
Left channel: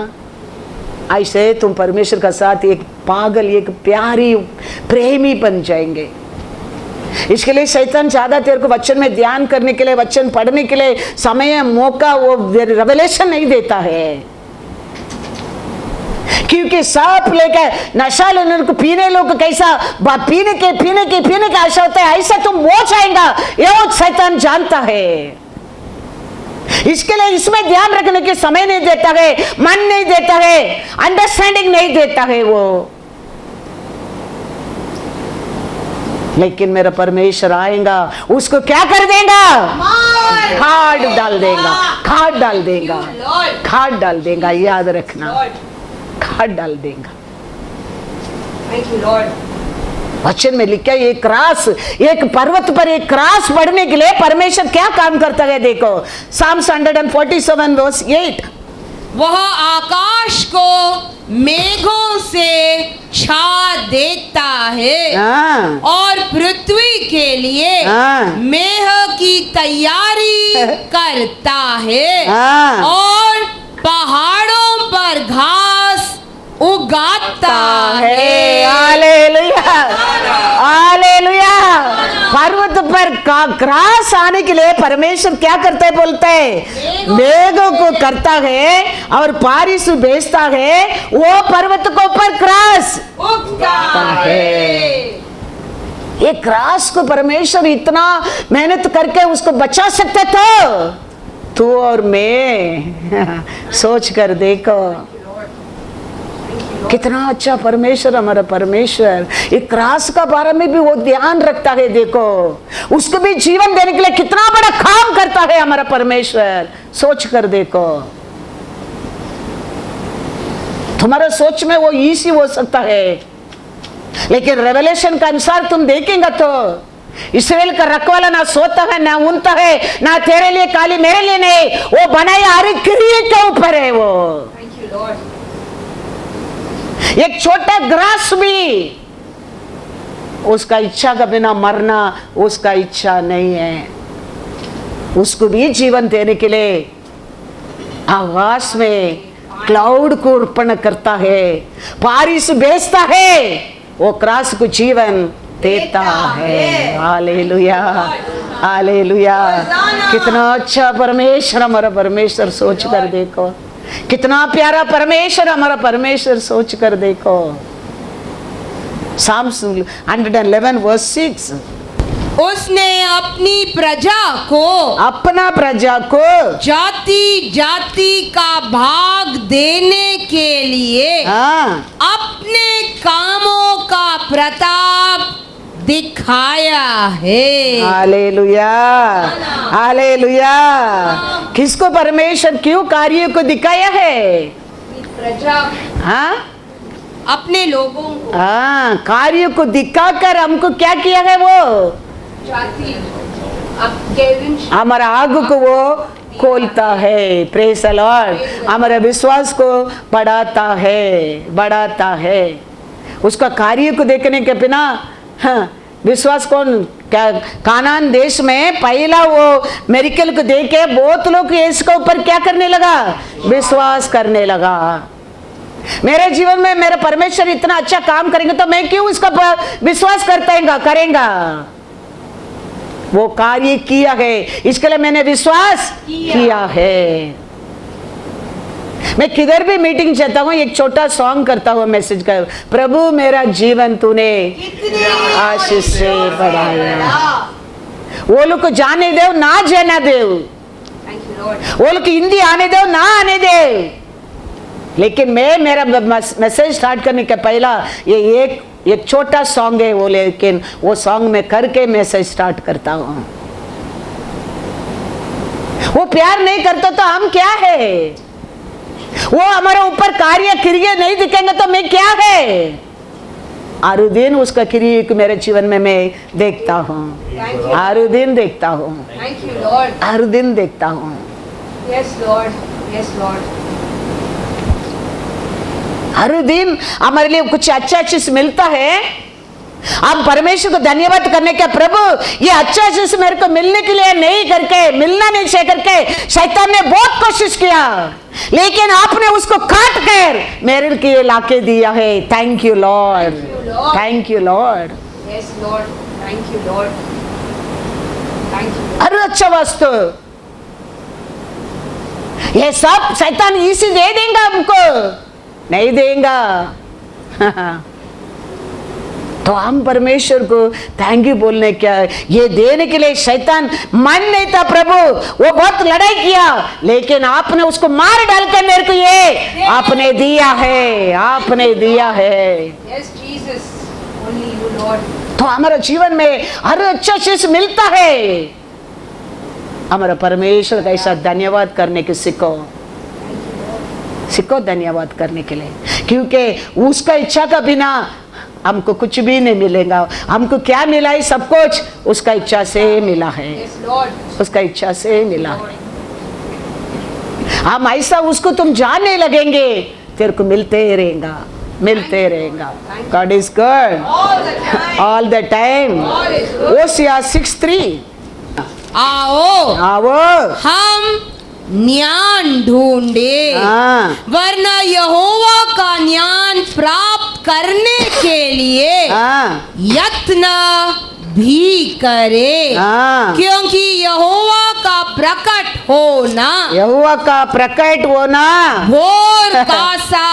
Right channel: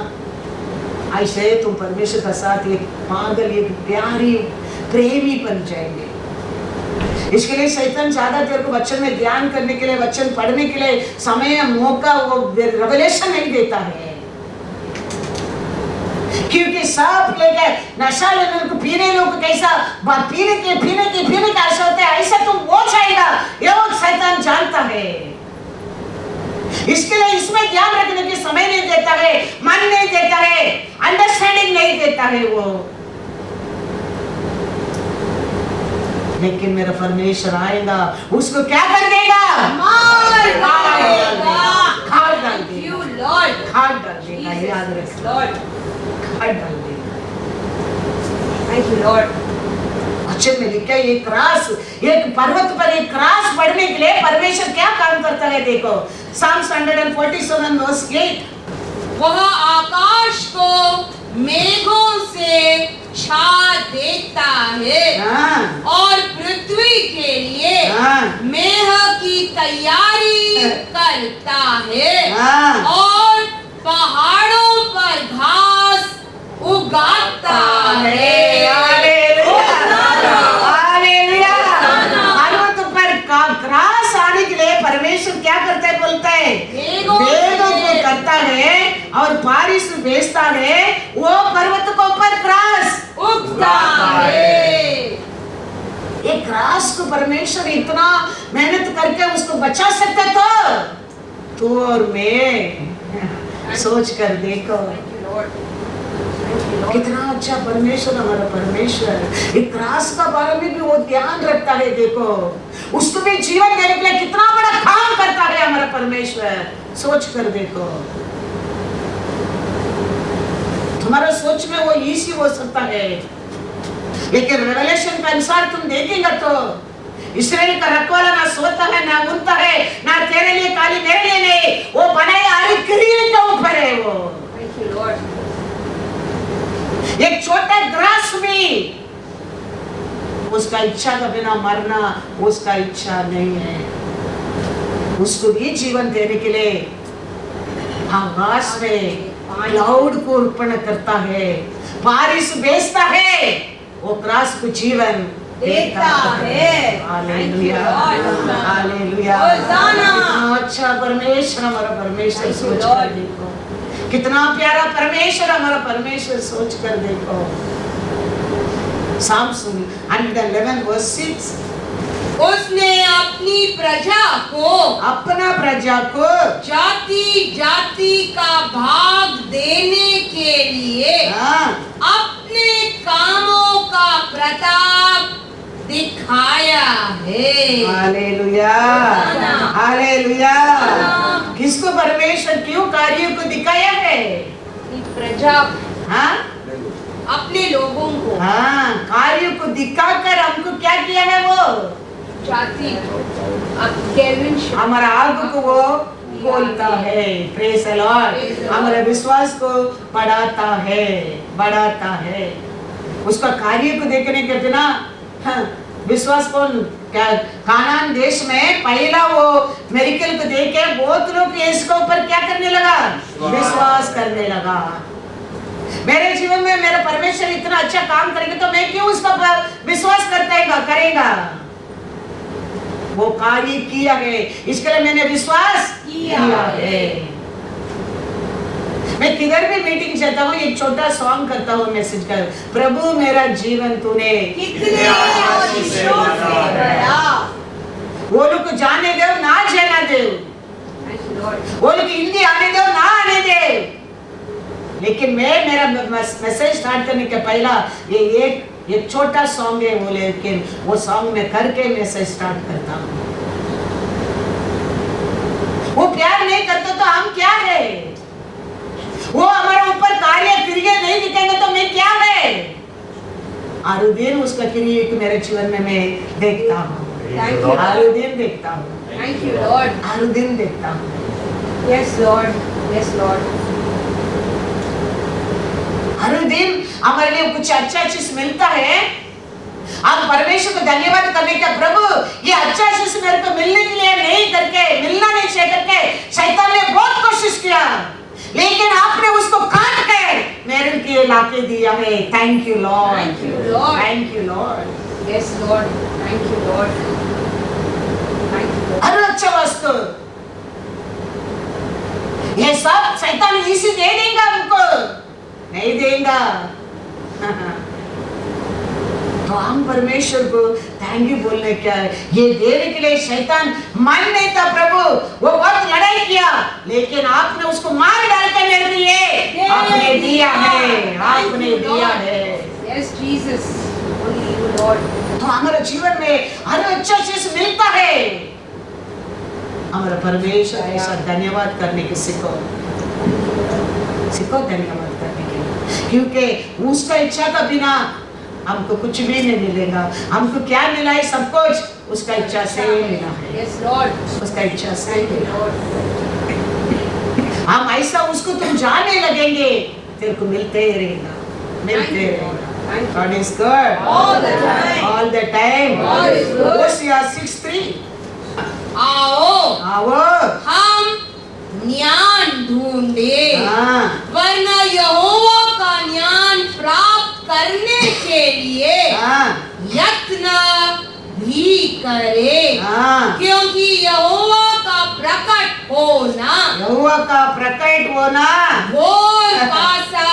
ऐसे तुम परमेश्वर का साथ एक पागल, एक प्यारी प्रेमी बन जाएंगे। इसके लिए शैतान ज्यादा तेरे को वचन में ध्यान करने के लिए, वचन पढ़ने के लिए समय मौका वो रेवलेशन नहीं देता है, क्योंकि सांप लेकर नशा लेने को पीने लोग कैसा पीने का आशा होता है, ऐसा तुम वो चाहेगा, ये वो शैतान जानता है। इसके लिए इसमें ध्यान रखने के समय नहीं देता है, मन नहीं देता है, अंडरस्टैंडिंग नहीं देता है वो। लेकिन मेरा परमेश्वर आएगा, उसको क्या कर देगा, खाद डाल देगा, खाद डाल देगा, खाद डाल देगा, याद रखना, खाद डाल देगा। वचन में लिखा है एक क्रास, एक पर्वत पर एक क्रास बढ़ने के लिए परमेश्वर क्या काम करता है, देखो Psalms 147 verse 8। वह आकाश को मेघों से छा देता है और पृथ्वी के लिए मेघ की तैयारी करता है और पहाड़ों पर घास उगाता है। Hallelujah, hallelujah. पर्वत पर क्रॉस आने के लिए परमेश्वर क्या करता है बोलता है, मेघों को करता है और बारिश भेजता है, वो पर्वत को ऊपर क्रॉस उगता है। ये क्रॉस को परमेश्वर इतना मेहनत करके उसको बचा सकते थे, तू और मैं सोच कर देखो कितना अच्छा परमेश्वर हमारा परमेश्वर। ये क्रॉस का बारे में भी वो ध्यान रखता है, देखो उसको भी जीवन देने के लिए कितना बड़ा काम करता है हमारा परमेश्वर। सोच कर देखो, तुम्हारा सोच में वो इजी हो सकता है, लेकिन रेवलेशन का अनुसार तुम देखेंगे तो इसराइल का रखवाला ना सोता है ना ऊँगता है, ना तेरे लिए काली मेरे लिए नहीं, वो बनाए हर क्रिया के ऊपर है। वो एक छोटा ग्रास भी उसका इच्छा का बिना मरना उसका इच्छा नहीं है, उसको भी जीवन देने के लिए आकाश में क्लाउड को अर्पण करता है, बारिश भेजता है, वो क्रास को जीवन देता है। Hallelujah hallelujah. कितना अच्छा परमेश्वर हमारा परमेश्वर, सोच कर देखो कितना प्यारा परमेश्वर हमारा परमेश्वर, सोच कर देखो। Psalms 111 verse 6, उसने अपनी प्रजा को, अपना प्रजा को जाति जाति का भाग देने के लिए अपने कामों का प्रताप दिखाया है। Hallelujah hallelujah. किसको परमेश्वर क्यों कार्य को दिखाया है? प्रजा, हाँ अपने लोगों को, हाँ कार्य को दिखाकर हमको क्या किया है? वो जाति हमारा आग को वो खोलता है। Praise the Lord. हमारे विश्वास को बढ़ाता है। उसका कार्य को देखने के बिना विश्वास कौन क्या? कानान देश में पहला वो मेरिकल को देख के बहुत लोग इसके ऊपर क्या करने लगा? विश्वास करने लगा। मेरे जीवन में मेरा परमेश्वर इतना अच्छा काम करेंगे तो मैं क्यों उसका विश्वास करेंगा? वो कार्य किया है, इसके लिए मैंने विश्वास किया है। मैं किधर भी मीटिंग चाहता हूँ, एक छोटा सॉन्ग करता हूँ, मैसेज कर, प्रभु मेरा जीवन तूने आशीष से भरा। वो लोग को जाने दे ना जाना दे, वो लोग हिंदी आने दो ना आने दे, लेकिन मैं मेरा मैसेज स्टार्ट करने का पहला ये एक छोटा सॉन्ग है वो, लेकिन वो सॉन्ग में करके मैसेज स्टार्ट करता हूँ। वो प्यार नहीं करता तो हम क्या है? वो हमारा ऊपर कार्य क्रिया नहीं दिखेंगे तो मैं क्या है? हर दिन उसका क्रिया मेरे जीवन में मैं देखता हूँ, हर दिन देखता हूँ, हर दिन देखता हूँ। Yes Lord, yes Lord। हर दिन हमारे लिए कुछ अच्छा चीज मिलता है, हम परमेश्वर को धन्यवाद करने का, प्रभु ये अच्छा चीज मेरे को मिलने के लिए नहीं करके, मिलना नहीं चाहिए करके शैतान ने बहुत कोशिश किया, लेकिन आपने उसको काट कर मेरे के लाके दिया है। Thank you Lord, thank you Lord. Yes Lord, thank you Lord, thank you। हर अच्छा वस्तु ये सब शैतान इसी दे देगा हमको, नहीं देगा। तो हम परमेश्वर को थैंक यू बोलने क्या है? ये देने के लिए शैतान मन नहीं था प्रभु, वो बहुत लड़ाई किया, लेकिन आपने उसको मार डालकर मेरे को ये आपने दिया है, आपने दिया है। Yes Jesus, only you Lord। तो हमारे जीवन में हर अच्छा चीज मिलता है, हमारा परमेश्वर का ऐसा धन्यवाद करने की सीखो धन्यवाद करने के लिए, क्योंकि उसका इच्छा का बिना हमको कुछ भी नहीं मिलेगा। हमको क्या मिला है? सब कुछ उसका इच्छा से मिला है, उसका इच्छा से मिला। हम ऐसा उसको तुम जानने लगेंगे, तेरे को मिलते रहेगा। God is good all the time। Hosea 6:3। आओ हम ज्ञान ढूंढे, वरना यहोवा का ज्ञान प्राप्त करने के लिए यत्न भी करे, हाँ। क्योंकि यहोवा का प्रकट होना, यहोवा का प्रकट होना भोर का सा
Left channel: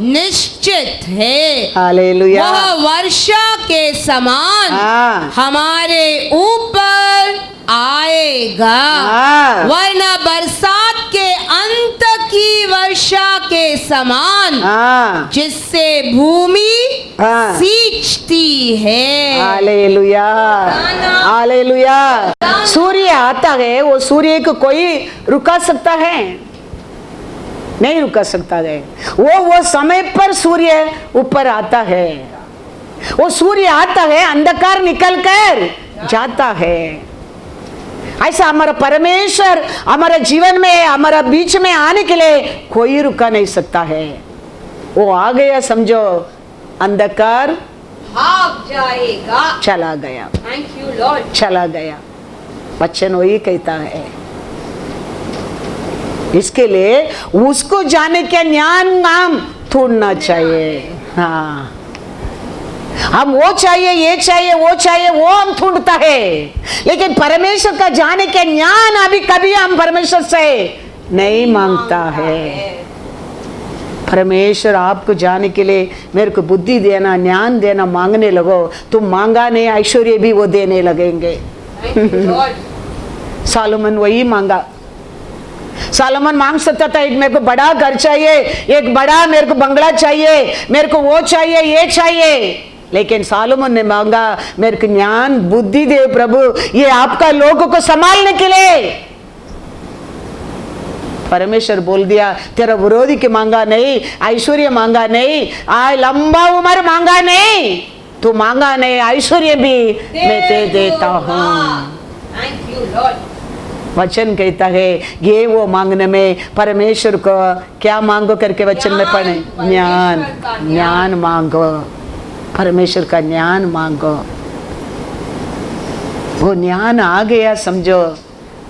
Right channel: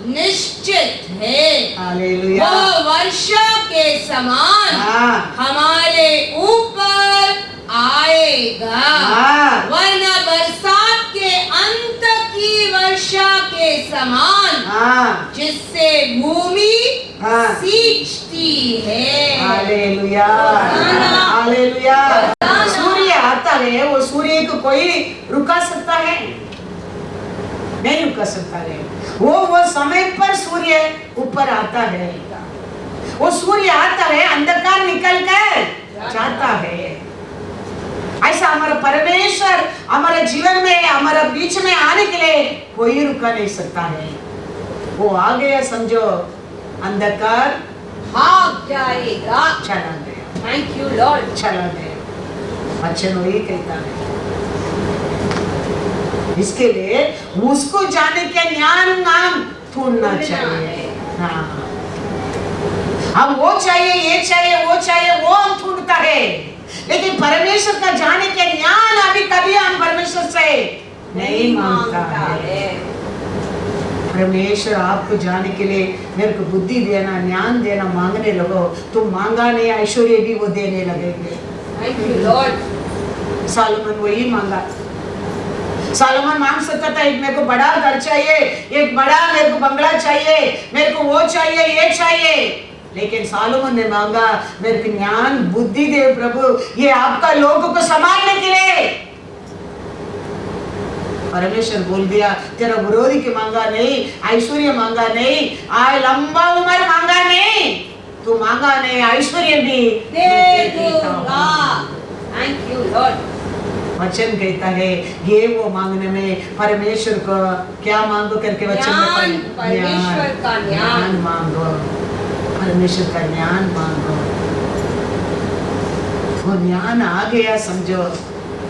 निश्चित है। हालेलुया। वह वर्षा के समान हाँ। हमारे ऊपर आएगा, हाँ। वरना बरसात के अंत की वर्षा के समान, हाँ। जिससे भूमि हाँ। सींचती है। Hallelujah, hallelujah. सूर्य आता है, वो सूर्य को कोई रुका सकता है? नहीं रुका सकता है। वो समय पर सूर्य ऊपर आता है। वो सूर्य आता है, अंधकार निकल कर जाता है। ऐसा हमारा परमेश्वर हमारे जीवन में, हमारा बीच में आने के लिए कोई रुका नहीं सकता है। वो आ गया, समझो, अंधकार भाग जाएगा। चला गया, थैंक यू लॉर्ड। चला गया। वचन वही कहता है। इसके लिए उसको जाने के ज्ञान नाम ढूंढना चाहिए। हाँ, हम वो चाहिए, ये चाहिए, वो चाहिए, वो हम ढूंढता है, लेकिन परमेश्वर का जाने के ज्ञान अभी कभी हम परमेश्वर से नहीं मांगता है। परमेश्वर आपको जाने के लिए मेरे को बुद्धि देना, ज्ञान देना मांगने लगो, तुम मांगा नहीं, ऐश्वर्य भी वो देने लगेंगे। सालोमन वही मांगा। सालोमन मांग सकता था, एक मेरे को बड़ा घर चाहिए, एक बड़ा मेरे को बंगला चाहिए, मेरे को वो चाहिए, ये चाहिए, लेकिन सालोमन ने मांगा, मेरे को ज्ञान बुद्धि दे प्रभु, ये आपका लोगों को संभालने के लिए। परमेश्वर बोल दिया, तेरा विरोधी के मांगा नहीं, ऐश्वर्य मांगा नहीं, लंबा उम्र मांगा नहीं, तू मांगा नहीं, ऐश्वर्य भी मैं दे देता हूँ। Thank you Lord. वचन कहता है ये वो मांगने में परमेश्वर को क्या मांगो करके वचन में पढ़े, ज्ञान, ज्ञान मांगो, परमेश्वर का ज्ञान मांगो। वो ज्ञान आ गया, समझो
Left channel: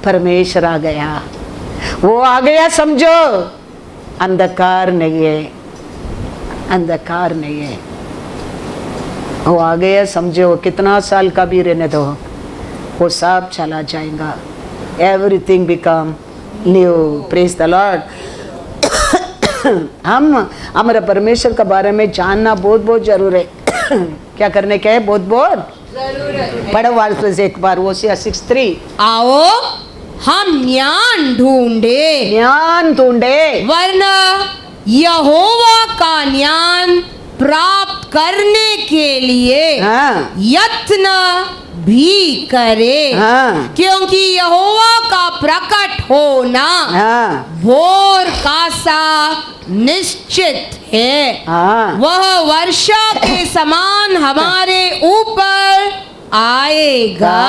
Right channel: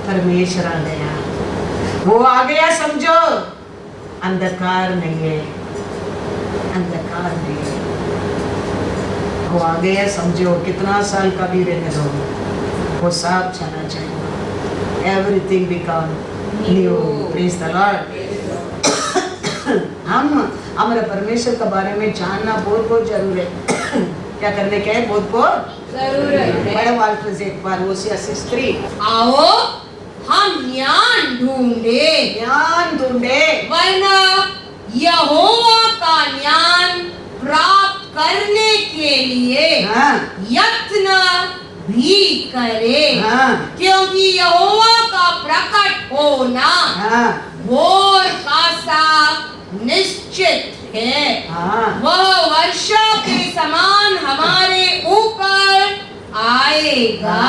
परमेश्वर आ गया, वो आ गया, समझो अंधकार नहीं है, अंधकार नहीं है। वो आ गया, समझो कितना साल का भी रहने दो, वो सब चला जाएगा। Everything become new. Praise the Lord. हम हमारे परमेश्वर के बारे में जानना बहुत बहुत जरूर है। क्या करने का है? बहुत बहुत जरूरत है। पढ़ो वापस एक बार वो 6:3। आओ हम ज्ञान ढूंढे, ज्ञान ढूंढे, वरना यहोवा का ज्ञान प्राप्त करने के लिए हाँ, यत्न भी करे, हाँ, क्योंकि यहोवा का प्रकट होना हाँ, भोर का सा निश्चित है। हाँ, वह वर्षा के समान हमारे ऊपर आएगा,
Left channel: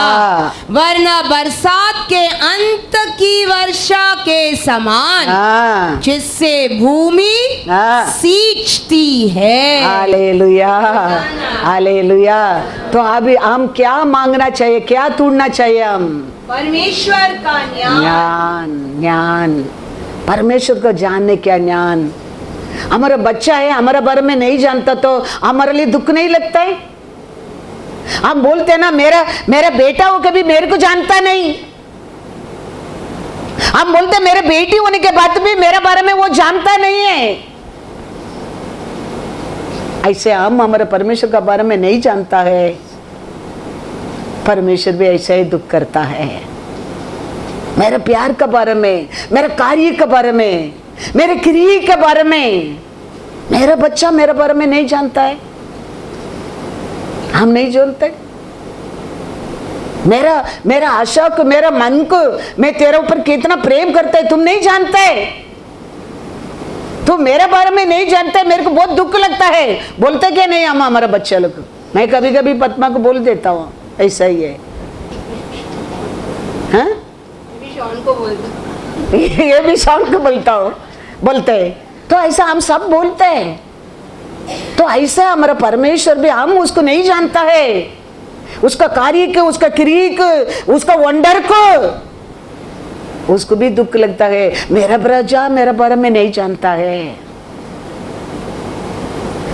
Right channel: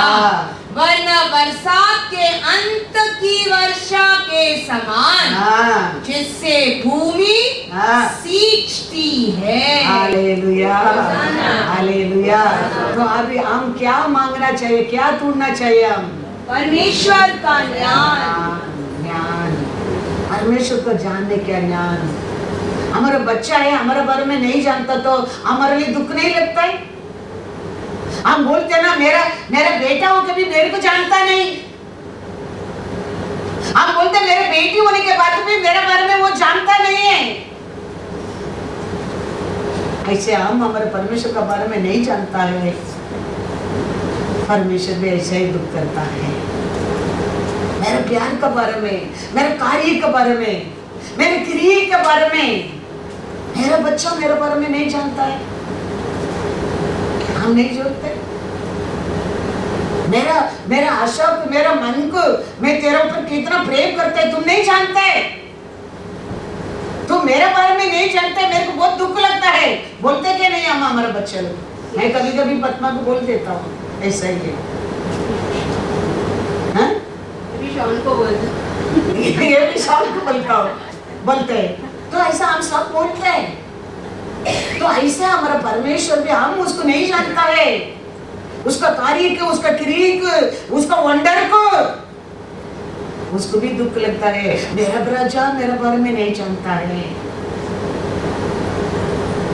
वरना बरसात के अंत की वर्षा के समान, हाँ, जिससे भूमि हाँ। सींचती है। Hallelujah, hallelujah. तो अभी हम क्या मांगना चाहिए, क्या ढूंढना चाहिए? हम परमेश्वर का ज्ञान, ज्ञान, ज्ञान, परमेश्वर को जानने का ज्ञान। हमारा बच्चा है, हमारे बारे में नहीं जानता तो हमारे लिए दुख नहीं लगता है? हम बोलते ना, मेरा बेटा हो कभी मेरे को जानता नहीं। हम बोलते मेरे बेटी होने के बाद भी मेरे बारे में वो जानता नहीं है। ऐसे हम हमारे परमेश्वर के बारे में नहीं जानता है, परमेश्वर भी ऐसा ही दुख करता है। मेरे प्यार के बारे में, मेरे कार्य के बारे में, मेरे क्रिया के बारे में मेरा बच्चा मेरे बारे में नहीं जानता है। हम नहीं जानते। मेरा आशा को, मेरा मन को, मैं तेरे ऊपर कितना प्रेम करता है तुम नहीं जानते। तुम मेरे बारे में नहीं जानते, मेरे को बहुत दुख लगता है। बोलते क्या नहीं हम हमारा बच्चा लोग? मैं कभी कभी पद्मा को बोल देता हूँ, ऐसा ही है, हाँ? ये भी शाम को बोलता हूँ, बोलते हैं तो ऐसा हम सब बोलते हैं। तो ऐसा हमारा परमेश्वर भी, हम उसको नहीं जानता है, उसका कार्य को, उसका क्रिया को, उसका वंडर को, उसको भी दुख लगता है। मेरा प्रजा मेरे बारे में नहीं जानता है,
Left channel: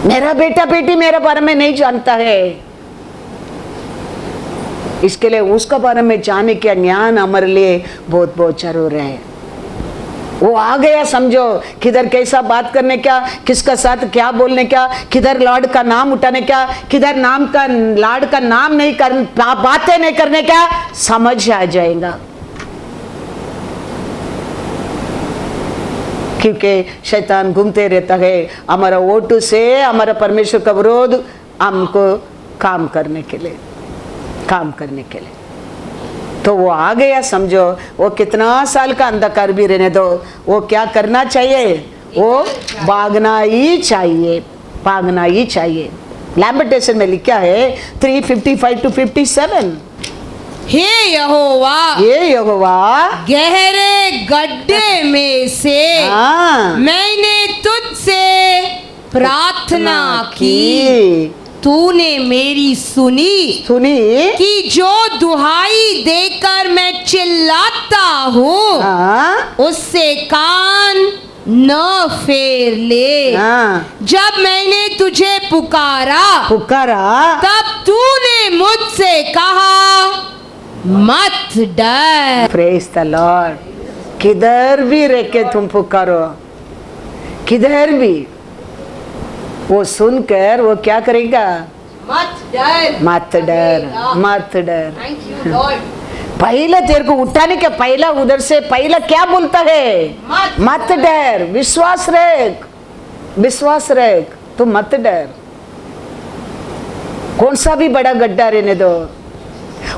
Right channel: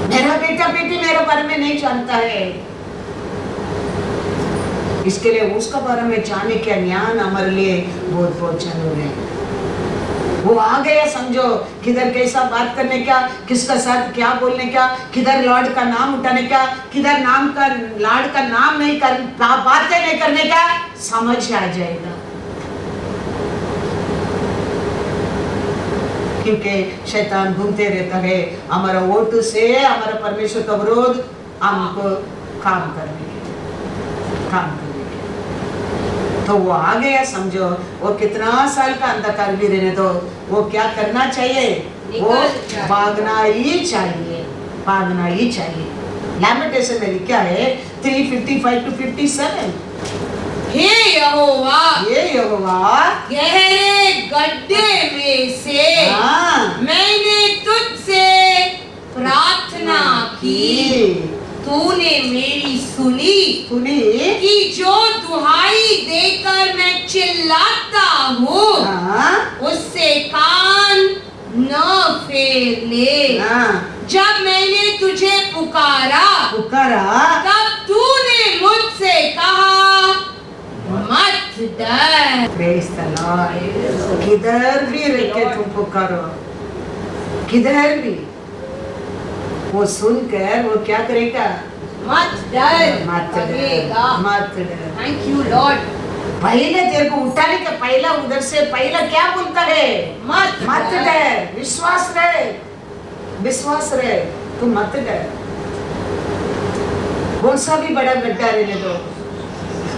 मेरा बेटा बेटी मेरे बारे में नहीं जानता है। इसके लिए उसका बारे में जानने का ज्ञान हमारे लिए बहुत बहुत जरूर है। वो आ गया समझो, किधर कैसा बात करने क्या, किसका साथ क्या बोलने क्या, किधर लॉर्ड का नाम उठाने क्या, किधर लॉर्ड का नाम नहीं कर, बातें नहीं करने क्या, समझ आ जाएगा। क्योंकि शैतान घूमते रहता है हमारा वोट से, हमारा परमेश्वर का विरोध हमको काम करने के लिए। तो वो आ गया समझो, वो कितना साल का अंधकार भी रहने दो, वो क्या करना चाहिए, वो भागना ही चाहिए। लैमेंटेशन में लिखा है 3:55 to 57। हे यहोवा गहरे गड्ढे में से मैंने तुझसे प्रार्थना की, तूने मेरी सुनी कि जो दुहाई देकर मैं चिल्लाता हूँ उससे कान न फेर ले। जब मैंने तुझे पुकारा तब तूने मुझसे कहा मत डर। Praise the Lord. किधर भी रह के तुम पुकारो, किधर भी, वो सुनकर वो क्या करेगा, मत डर। Thank you Lord. पहले तेरे को उठाने के पहला उधर से पहला क्या बोलता है, मत डर, विश्वास रख, तू मत डर। कौन सा भी बड़ा गड्ढा रहने दो,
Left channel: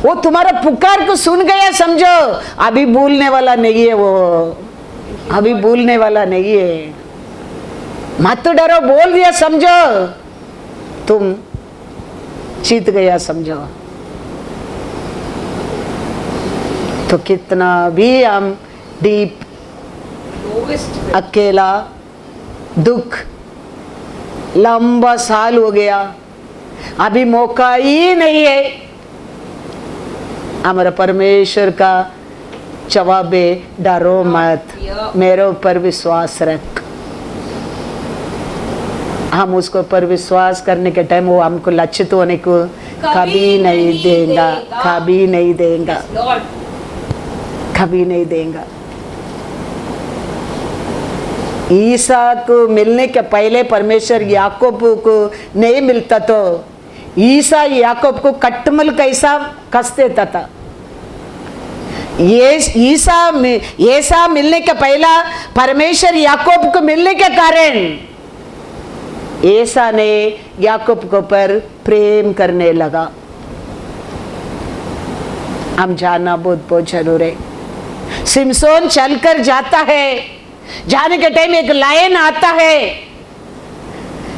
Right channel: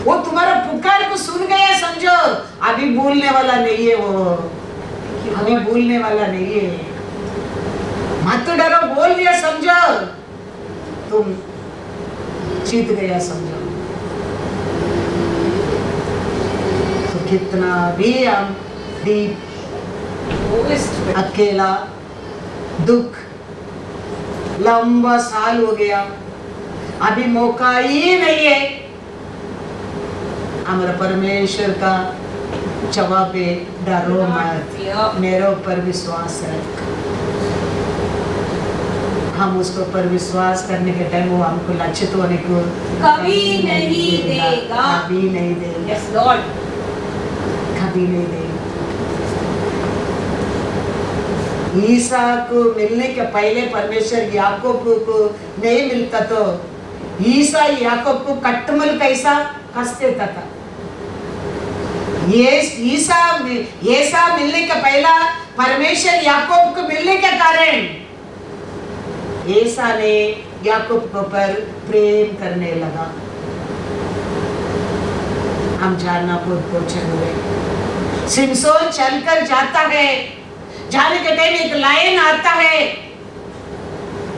वो तुम्हारा पुकार को सुन गया समझो, अभी भूलने वाला नहीं है, वो अभी भूलने वाला नहीं है। मत डरो बोल दिया समझो, तुम जीत गया समझो। तो कितना भी हम डीप अकेला, दुख, लंबा साल हो गया, अभी मौका ही नहीं है, हमारा परमेश्वर का जवाब है डरो मत, मेरे ऊपर विश्वास रख। हम उसको पर विश्वास करने के टाइम वो हमको लक्षित होने को कभी नहीं देगा। ईसा को मिलने के पहले परमेश्वर याकूब को नहीं मिलता तो ईसा याकूब को कट्टमल कैसा कस देता था। ये ईसा मिलने के पहला परमेश्वर याकूब को मिलने के कारण ईसा ने याकूब को पर प्रेम करने लगा। हम जानना बहुत जरूर है। सिमसोन चलकर जाता है, जाने के टाइम एक लायन आता है,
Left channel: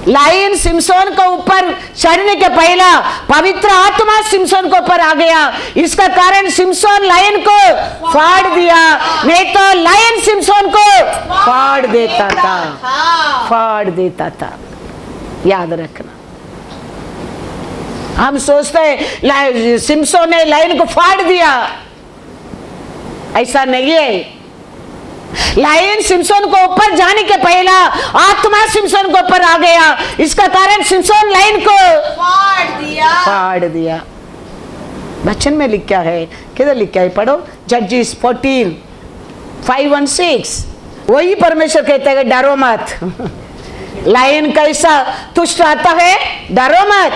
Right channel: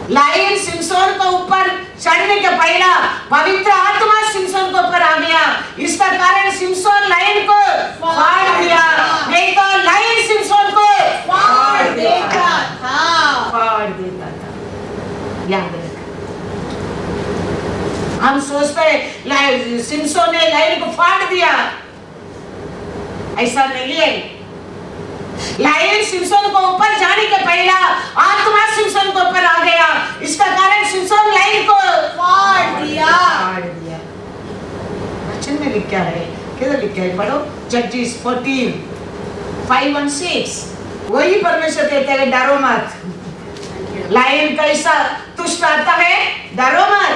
लायन सिमसोन को ऊपर चढ़ने के पहला पवित्र आत्मा सिमसोन को ऊपर आ गया। इसका कारण सिमसोन लायन को फाड़ दिया, नहीं तो लायन सिमसोन को फाड़ देता था। याद रखना, हम सोचते हैं सिमसोन ने लायन को फाड़ दिया, ऐसा नहीं है। लायन सिमसोन को ऊपर जाने के पहला आत्मा सिमसोन को ऊपर आ गया, इसका कारण सिमसोन लायन को फाड़ दिया। वचन में लिखा है, किधर लिखा है, पढ़ो, जजेस 14:5-6। वही परमेश्वर कहता है डरो मत। लायन कैसा तुष्ट आता है, डरो मत।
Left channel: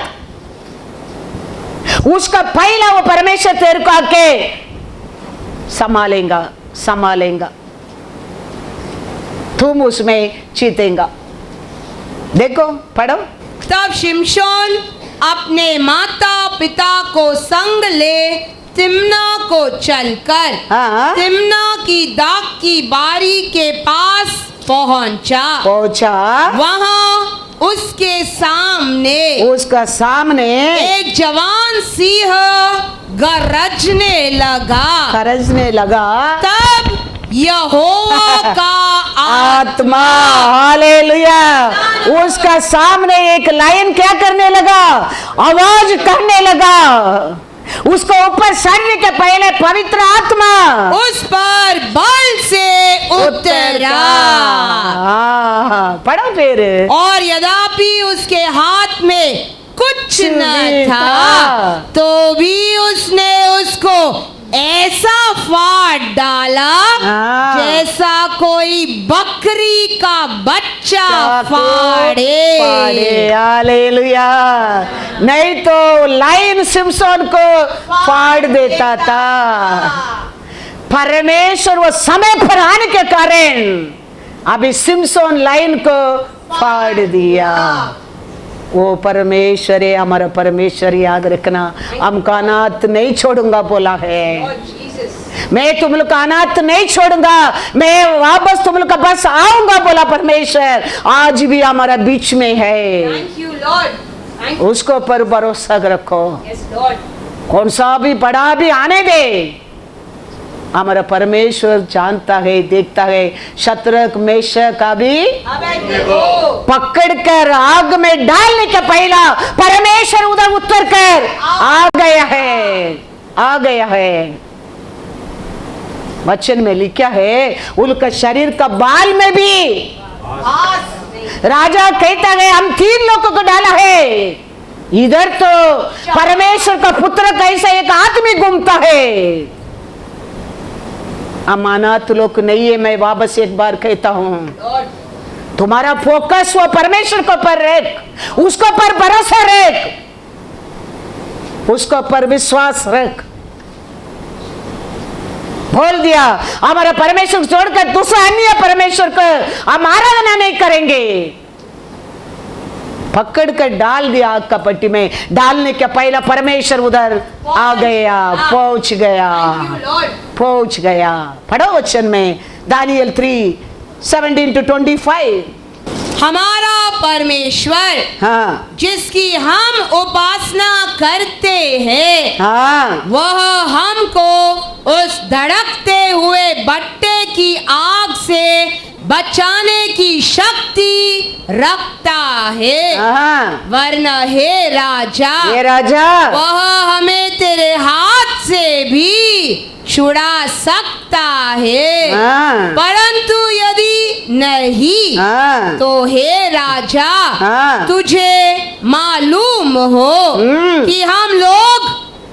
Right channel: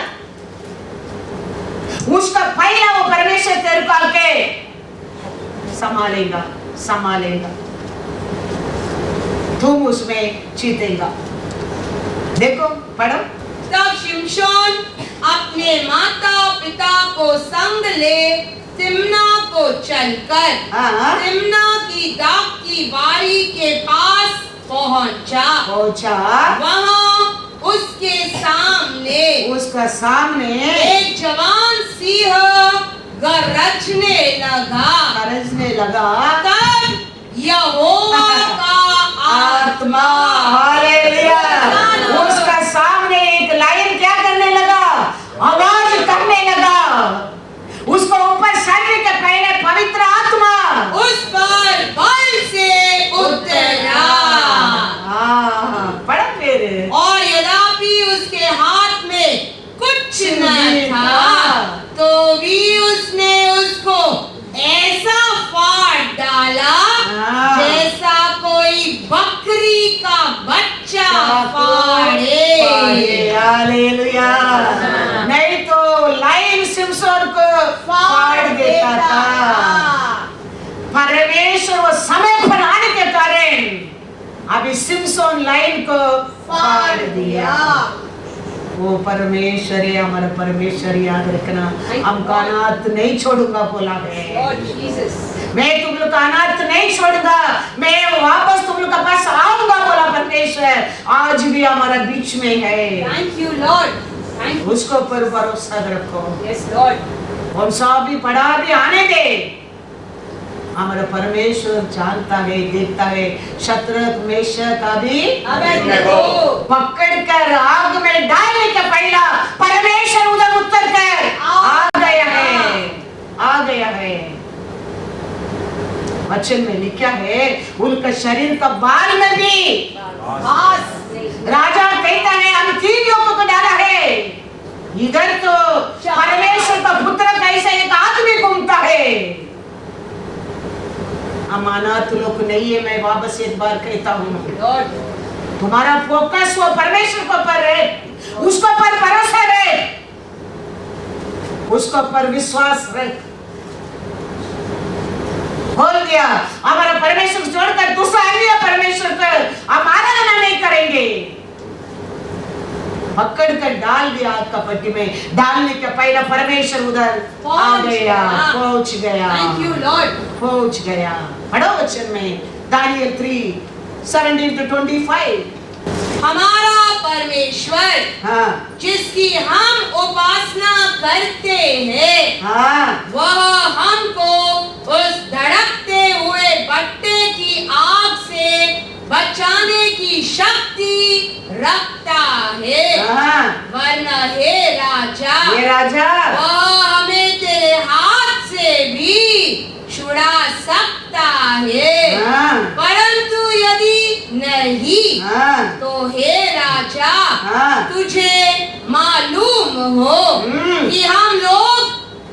उसका पहला वो परमेश्वर तेरे को आके संभालेगा, तुम उसमें जीतेगा। देखो पढ़ो। तब शिमशोन अपने माता पिता को संग ले तिम्ना को चलकर तिम्ना की दाख की बारी के पास पहुंचा। वहां उसका सामने एक जवान सिंह गरजने लगा। तब यहोवा का आत्मा, हालेलुया, उसका सामने एक लायन क्या करने लगा, आवाज करने लगा। उसको ऊपर चढ़ने के पहले पवित्र आत्मा उस पर बल से उतरा। पढ़ो फिर। और यद्यपि उसके हाथ में कुछ न था तो भी उसने उसको ऐसा फाड़ डाला हाँ। जैसा कोई बकरी का बच्चा फाड़े। हालेलुया। नहीं तो लाइन सिमसोन को फाड़ देता था। परमेश्वर वो समय पर आने के कारण अभी सिमसोन लाइन को फाड़ दिया। वो परमेश्वर है, हमारा परमेश्वर, याद रखना। हम का अनाथ नहीं छोड़ूंगा बोला है। मैं तुम लोग का अनाथ नहीं छोड़ूंगा, मैं वापस तुम लोग का बस आऊंगा बोला परमेश्वर। आज भी हमारा बीच में है। Thank you, Lord. उसको पर भरोसा रखो। Yes, Lord. कौन सा भी बड़ा भी आने दे, हमारा परमेश्वर जानता है, देखता है। शत्रक मेशक का भी पकड़कर आग में डालने के पहला परमेश्वर उधर उतर कर आ गया है, आ गया है। वचन में लिखा है उनका शरीर का बाल में भी राजा कहता है हम 3 लोगों को डाला है। इधर तो परमेश्वर का पुत्र कैसा एक आदमी घूमता है। अमानत लोग नहीं है। मैं वापस एक बार कहता हूं, तुम्हारा फोकस वो परमेश्वर को पर रख, उसको पर भरोसा रख, उसको पर विश्वास रख। बोल दिया हमारा परमेश्वर छोड़कर दूसरा अन्य परमेश्वर को हम आराधना नहीं करेंगे। पकड़ कर डाल दिया आग का पट्टी में। डालने के पहला परमेश्वर उधर आ गया, पहुंच गया, पहुंच गया। पढ़ो वचन में दानियल 3:17-25। हमारा परमेश्वर हाँ जिसकी हम उपासना करते हैं, हाँ वह हमको उस धड़कते हुए भट्टे की आग से बचाने की शक्ति रखता है। हाँ। वरना हे राजा, ये राजा वह हमें तेरे हाथ से भी छुड़ा सकता है। हाँ। परंतु यदि नहीं, हाँ। तो हे राजा, हाँ। तुझे मालूम हो कि हम लोग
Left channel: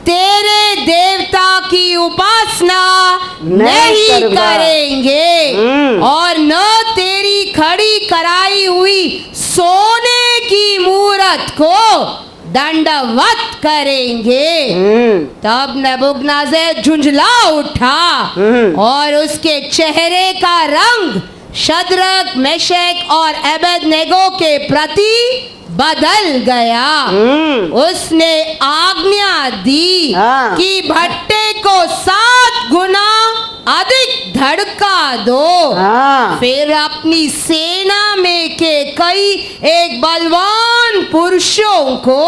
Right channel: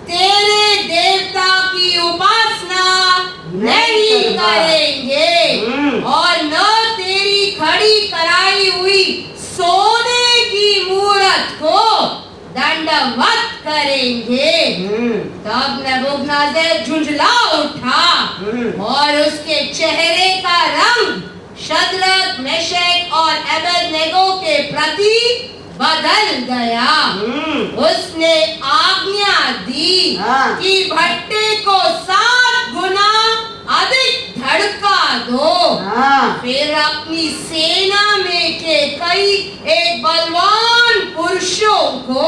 तेरे देवता की उपासना नहीं करेंगे और न तेरी खड़ी कराई हुई सोने की मूरत को दंडवत करेंगे। तब नबूकदनेस्सर झुंझला उठा और उसके चेहरे का रंग शद्रक, मेशक और अबेदनेगो के प्रति बदल गया। उसने आज्ञा दी कि भट्टे को 7 गुना अधिक धड़का दो। फिर अपनी सेना में के कई एक बलवान पुरुषों को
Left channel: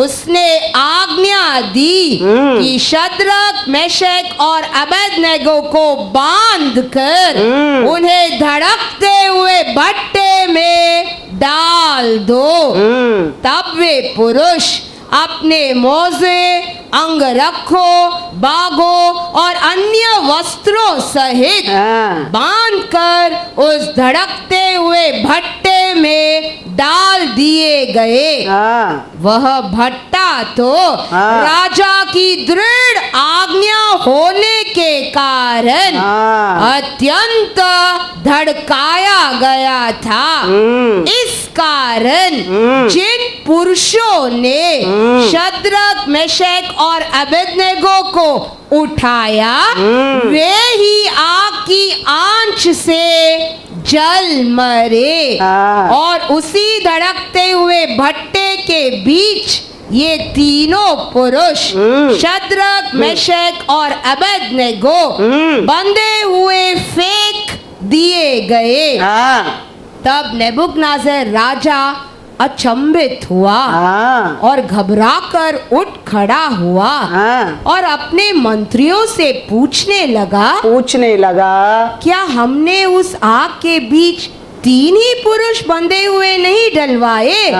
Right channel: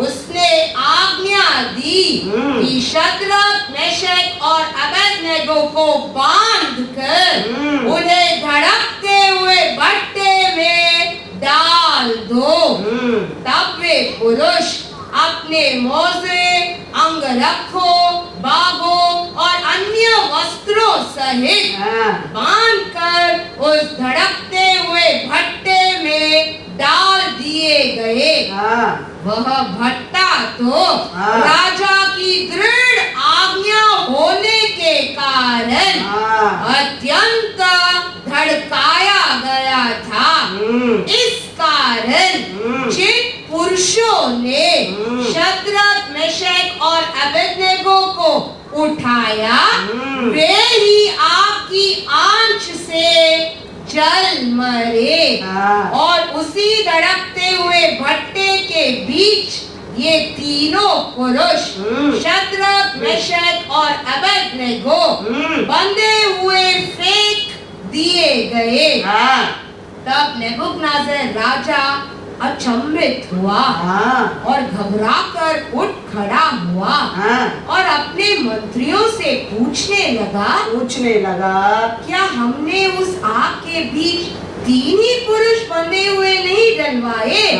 उसने आज्ञा दी कि शद्रक, मेशक और अबेदनेगो को बांधकर उन्हें धड़कते हुए भट्टे में डाल दो। तब वे पुरुष अपने मोजे, अंगरखों, बागों और अन्य वस्त्रों सहित बांधकर उस धड़कते हुए भट्टे में डाल दिए गए। वह भट्टा तो राजा की दृढ़ आज्ञा होने के कारण अत्यंत धड़काया गया था। इस कारण जिन पुरुषों ने शद्रक, मेशक और अबेदनेगो को उठाया, वे ही आग की आंच से जल मरे। और उसी धड़कते हुए भट्टे के बीच ये तीनों पुरुष शद्रक, मेशक और अबेदनेगो बंधे हुए फेंक दिए गए। तब नेबूकदनेस्सर राजा अचंभित हुआ और घबराकर उठ खड़ा हुआ और अपने मंत्रियों से पूछने लगा क्या हमने उस आग के बीच 3 ही पुरुष बंधे हुए नहीं डलवाए?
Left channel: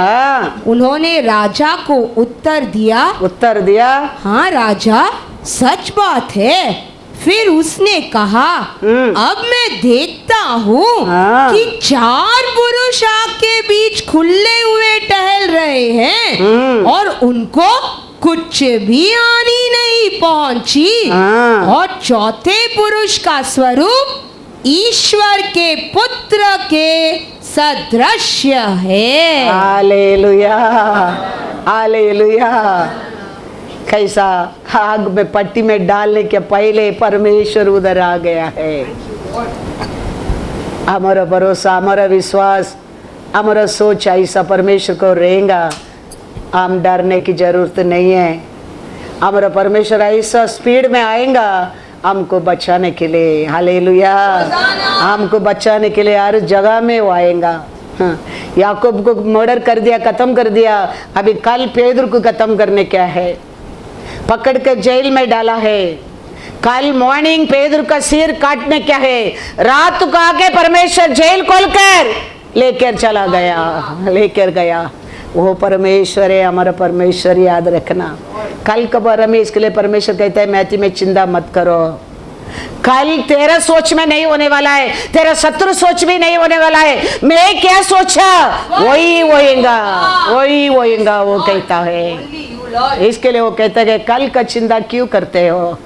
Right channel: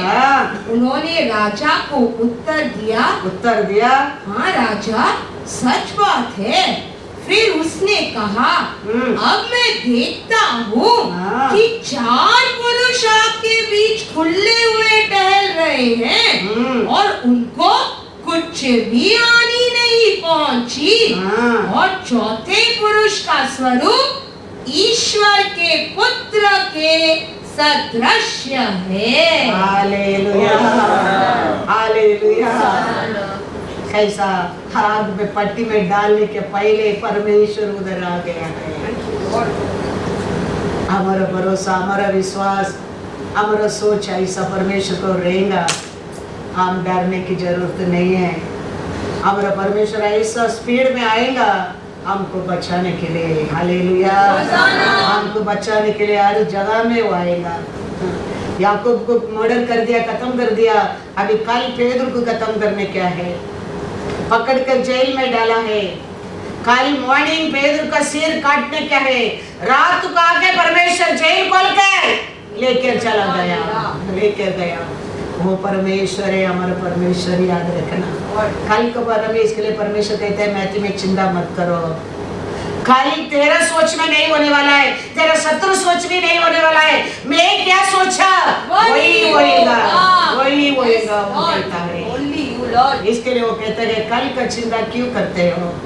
उन्होंने राजा को उत्तर दिया हाँ राजा, सच बात है। फिर उसने कहा अब मैं देखता हूँ कि 4 पुरुष आग के बीच खुले हुए टहल रहे हैं और उनको कुछ भी हानि नहीं पहुंची। और चौथे पुरुष का स्वरूप ईश्वर के पुत्र के सदृश्य है। Hallelujah, hallelujah. कैसा आग में पट्टी में डालने के पहले परमेश्वर उधर आ गया है। हमारा भरोसा, हमारा विश्वास, हमारा सोच ऐसा परमेश्वर को रहेगा, हम डरने की जरूरत नहीं है। हमारा परमेश्वर ऐसा स्पीड में आएगा हमको बचाने के लिए। हालेलुया, हमको बचाने के लिए हर जगह में वो आएगा। याकूब को मर्डर कर दिया, खत्म कर दिया, अभी कल पेदर को खत्म करने क्या है, पकड़ कर जेल में डाला है। कल मॉर्निंग पेदर का सिर काटने क्या है, रात को आके परमेश्वर जेल खोलकर लेकर चला गया, लेकर गया। वो परमेश्वर है, हमारा परमेश्वर, याद रखना। कल के बारे में इसके लिए परमेश्वर कहता है मैथी में चिंता मत करो। कल तेरा सोच में नहीं होने वाला है, तेरा शत्रु सोच में नहीं होने वाला है। मैं क्या सोचा वही होएगा, वही होएगा, वो कहता है। इसके लिए वो कहता है कि कल का चिंता क्यों करते हो,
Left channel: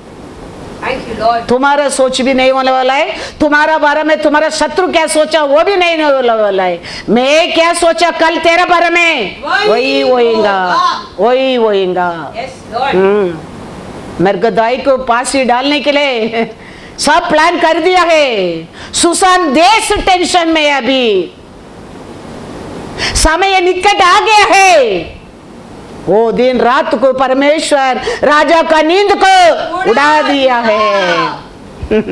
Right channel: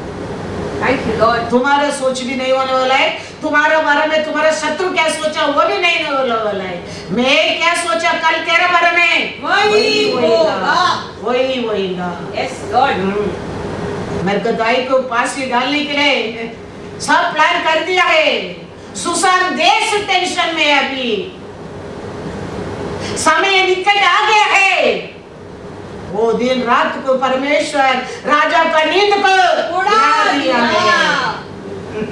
तुम्हारा सोच भी नहीं होने वाला है। तुम्हारा बारे में तुम्हारा शत्रु क्या सोचा वो भी नहीं होने वाला है। मैं क्या सोचा कल तेरे बारे में वही होएगा, वही होएगा। मेरे को दाई को फांसी डालने के लिए सब प्लान कर दिया है। सुसान देश टेंशन में, अभी समय निकट आ गया है। वो दिन रात को परमेश्वर राजा का नींद को उड़ा दिया है।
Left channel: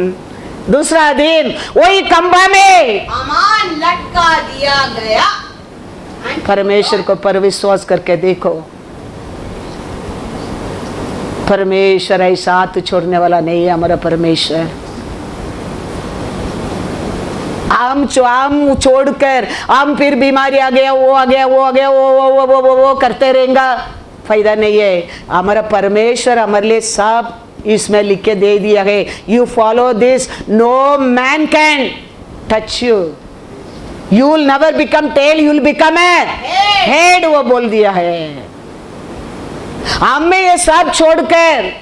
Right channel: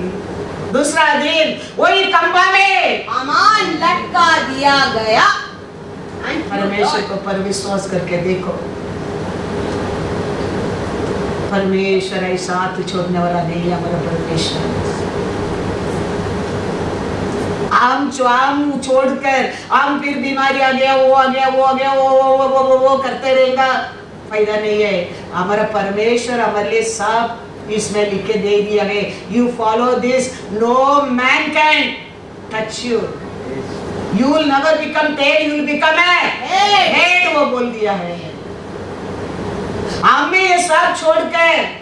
दूसरा दिन वही खंभा में अमान लटका दिया गया। परमेश्वर को पर विश्वास करके देखो, परमेश्वर ऐसा हाथ छोड़ने वाला नहीं है। हमारा परमेश्वर हम छोड़कर हम फिर बीमारी आ गया, वो आ गया, वो आ गया, वो करते रहेगा, फायदा नहीं है। हमारा परमेश्वर हमारे लिए सब इसमें लिख के दे दिया है। You follow this, no man can touch you, you will never become tail, you will become head, वो बोल दिया है। हमें ये सब छोड़कर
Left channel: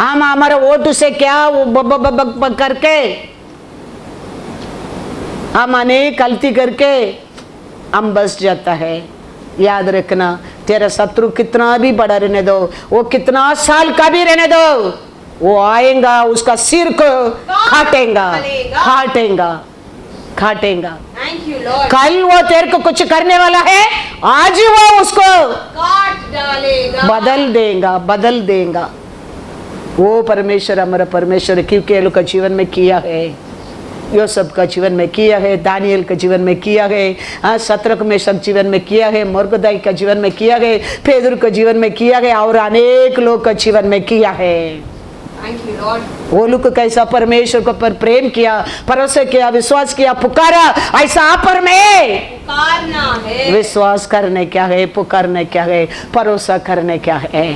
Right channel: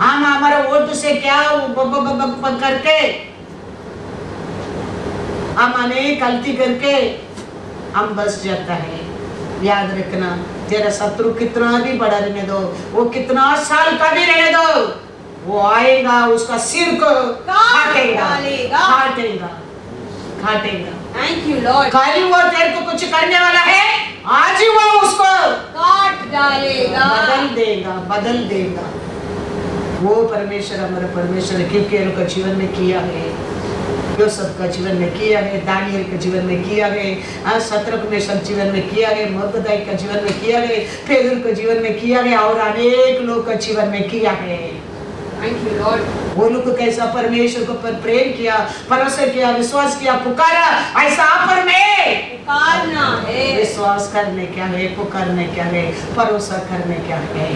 हम हमारे वोट से क्या करके हम अनेक गलती करके हम बस जाता है। याद रखना, तेरा शत्रु कितना भी बड़ा रहने दो, वो कितना साल का भी रहने दो, वो आएगा, उसका सिर को काटेगा, काटेगा, काटेगा। कल वो तेरे को कुछ करने वाला है, आज वो उसको काट डालेगा, बदल देगा, बदल देगा। वो परमेश्वर हमारा परमेश्वर किरकेल का जीवन में किया है, यूसुफ का जीवन में किया है, दानियल का जीवन में किया है, शद्रक मेशक जीवन में किया है, मोर्देखाई का जीवन में किया है, पेदर का जीवन में किया है, और अनेक लोग का जीवन में किया है। वो लोग कैसा परमेश्वर को पर प्रेम किया, भरोसा किया, विश्वास किया, पुकारा। ऐसा आप पर में पुकारना है, विश्वास करने क्या है, पुकारने क्या है, भरोसा करने क्या है।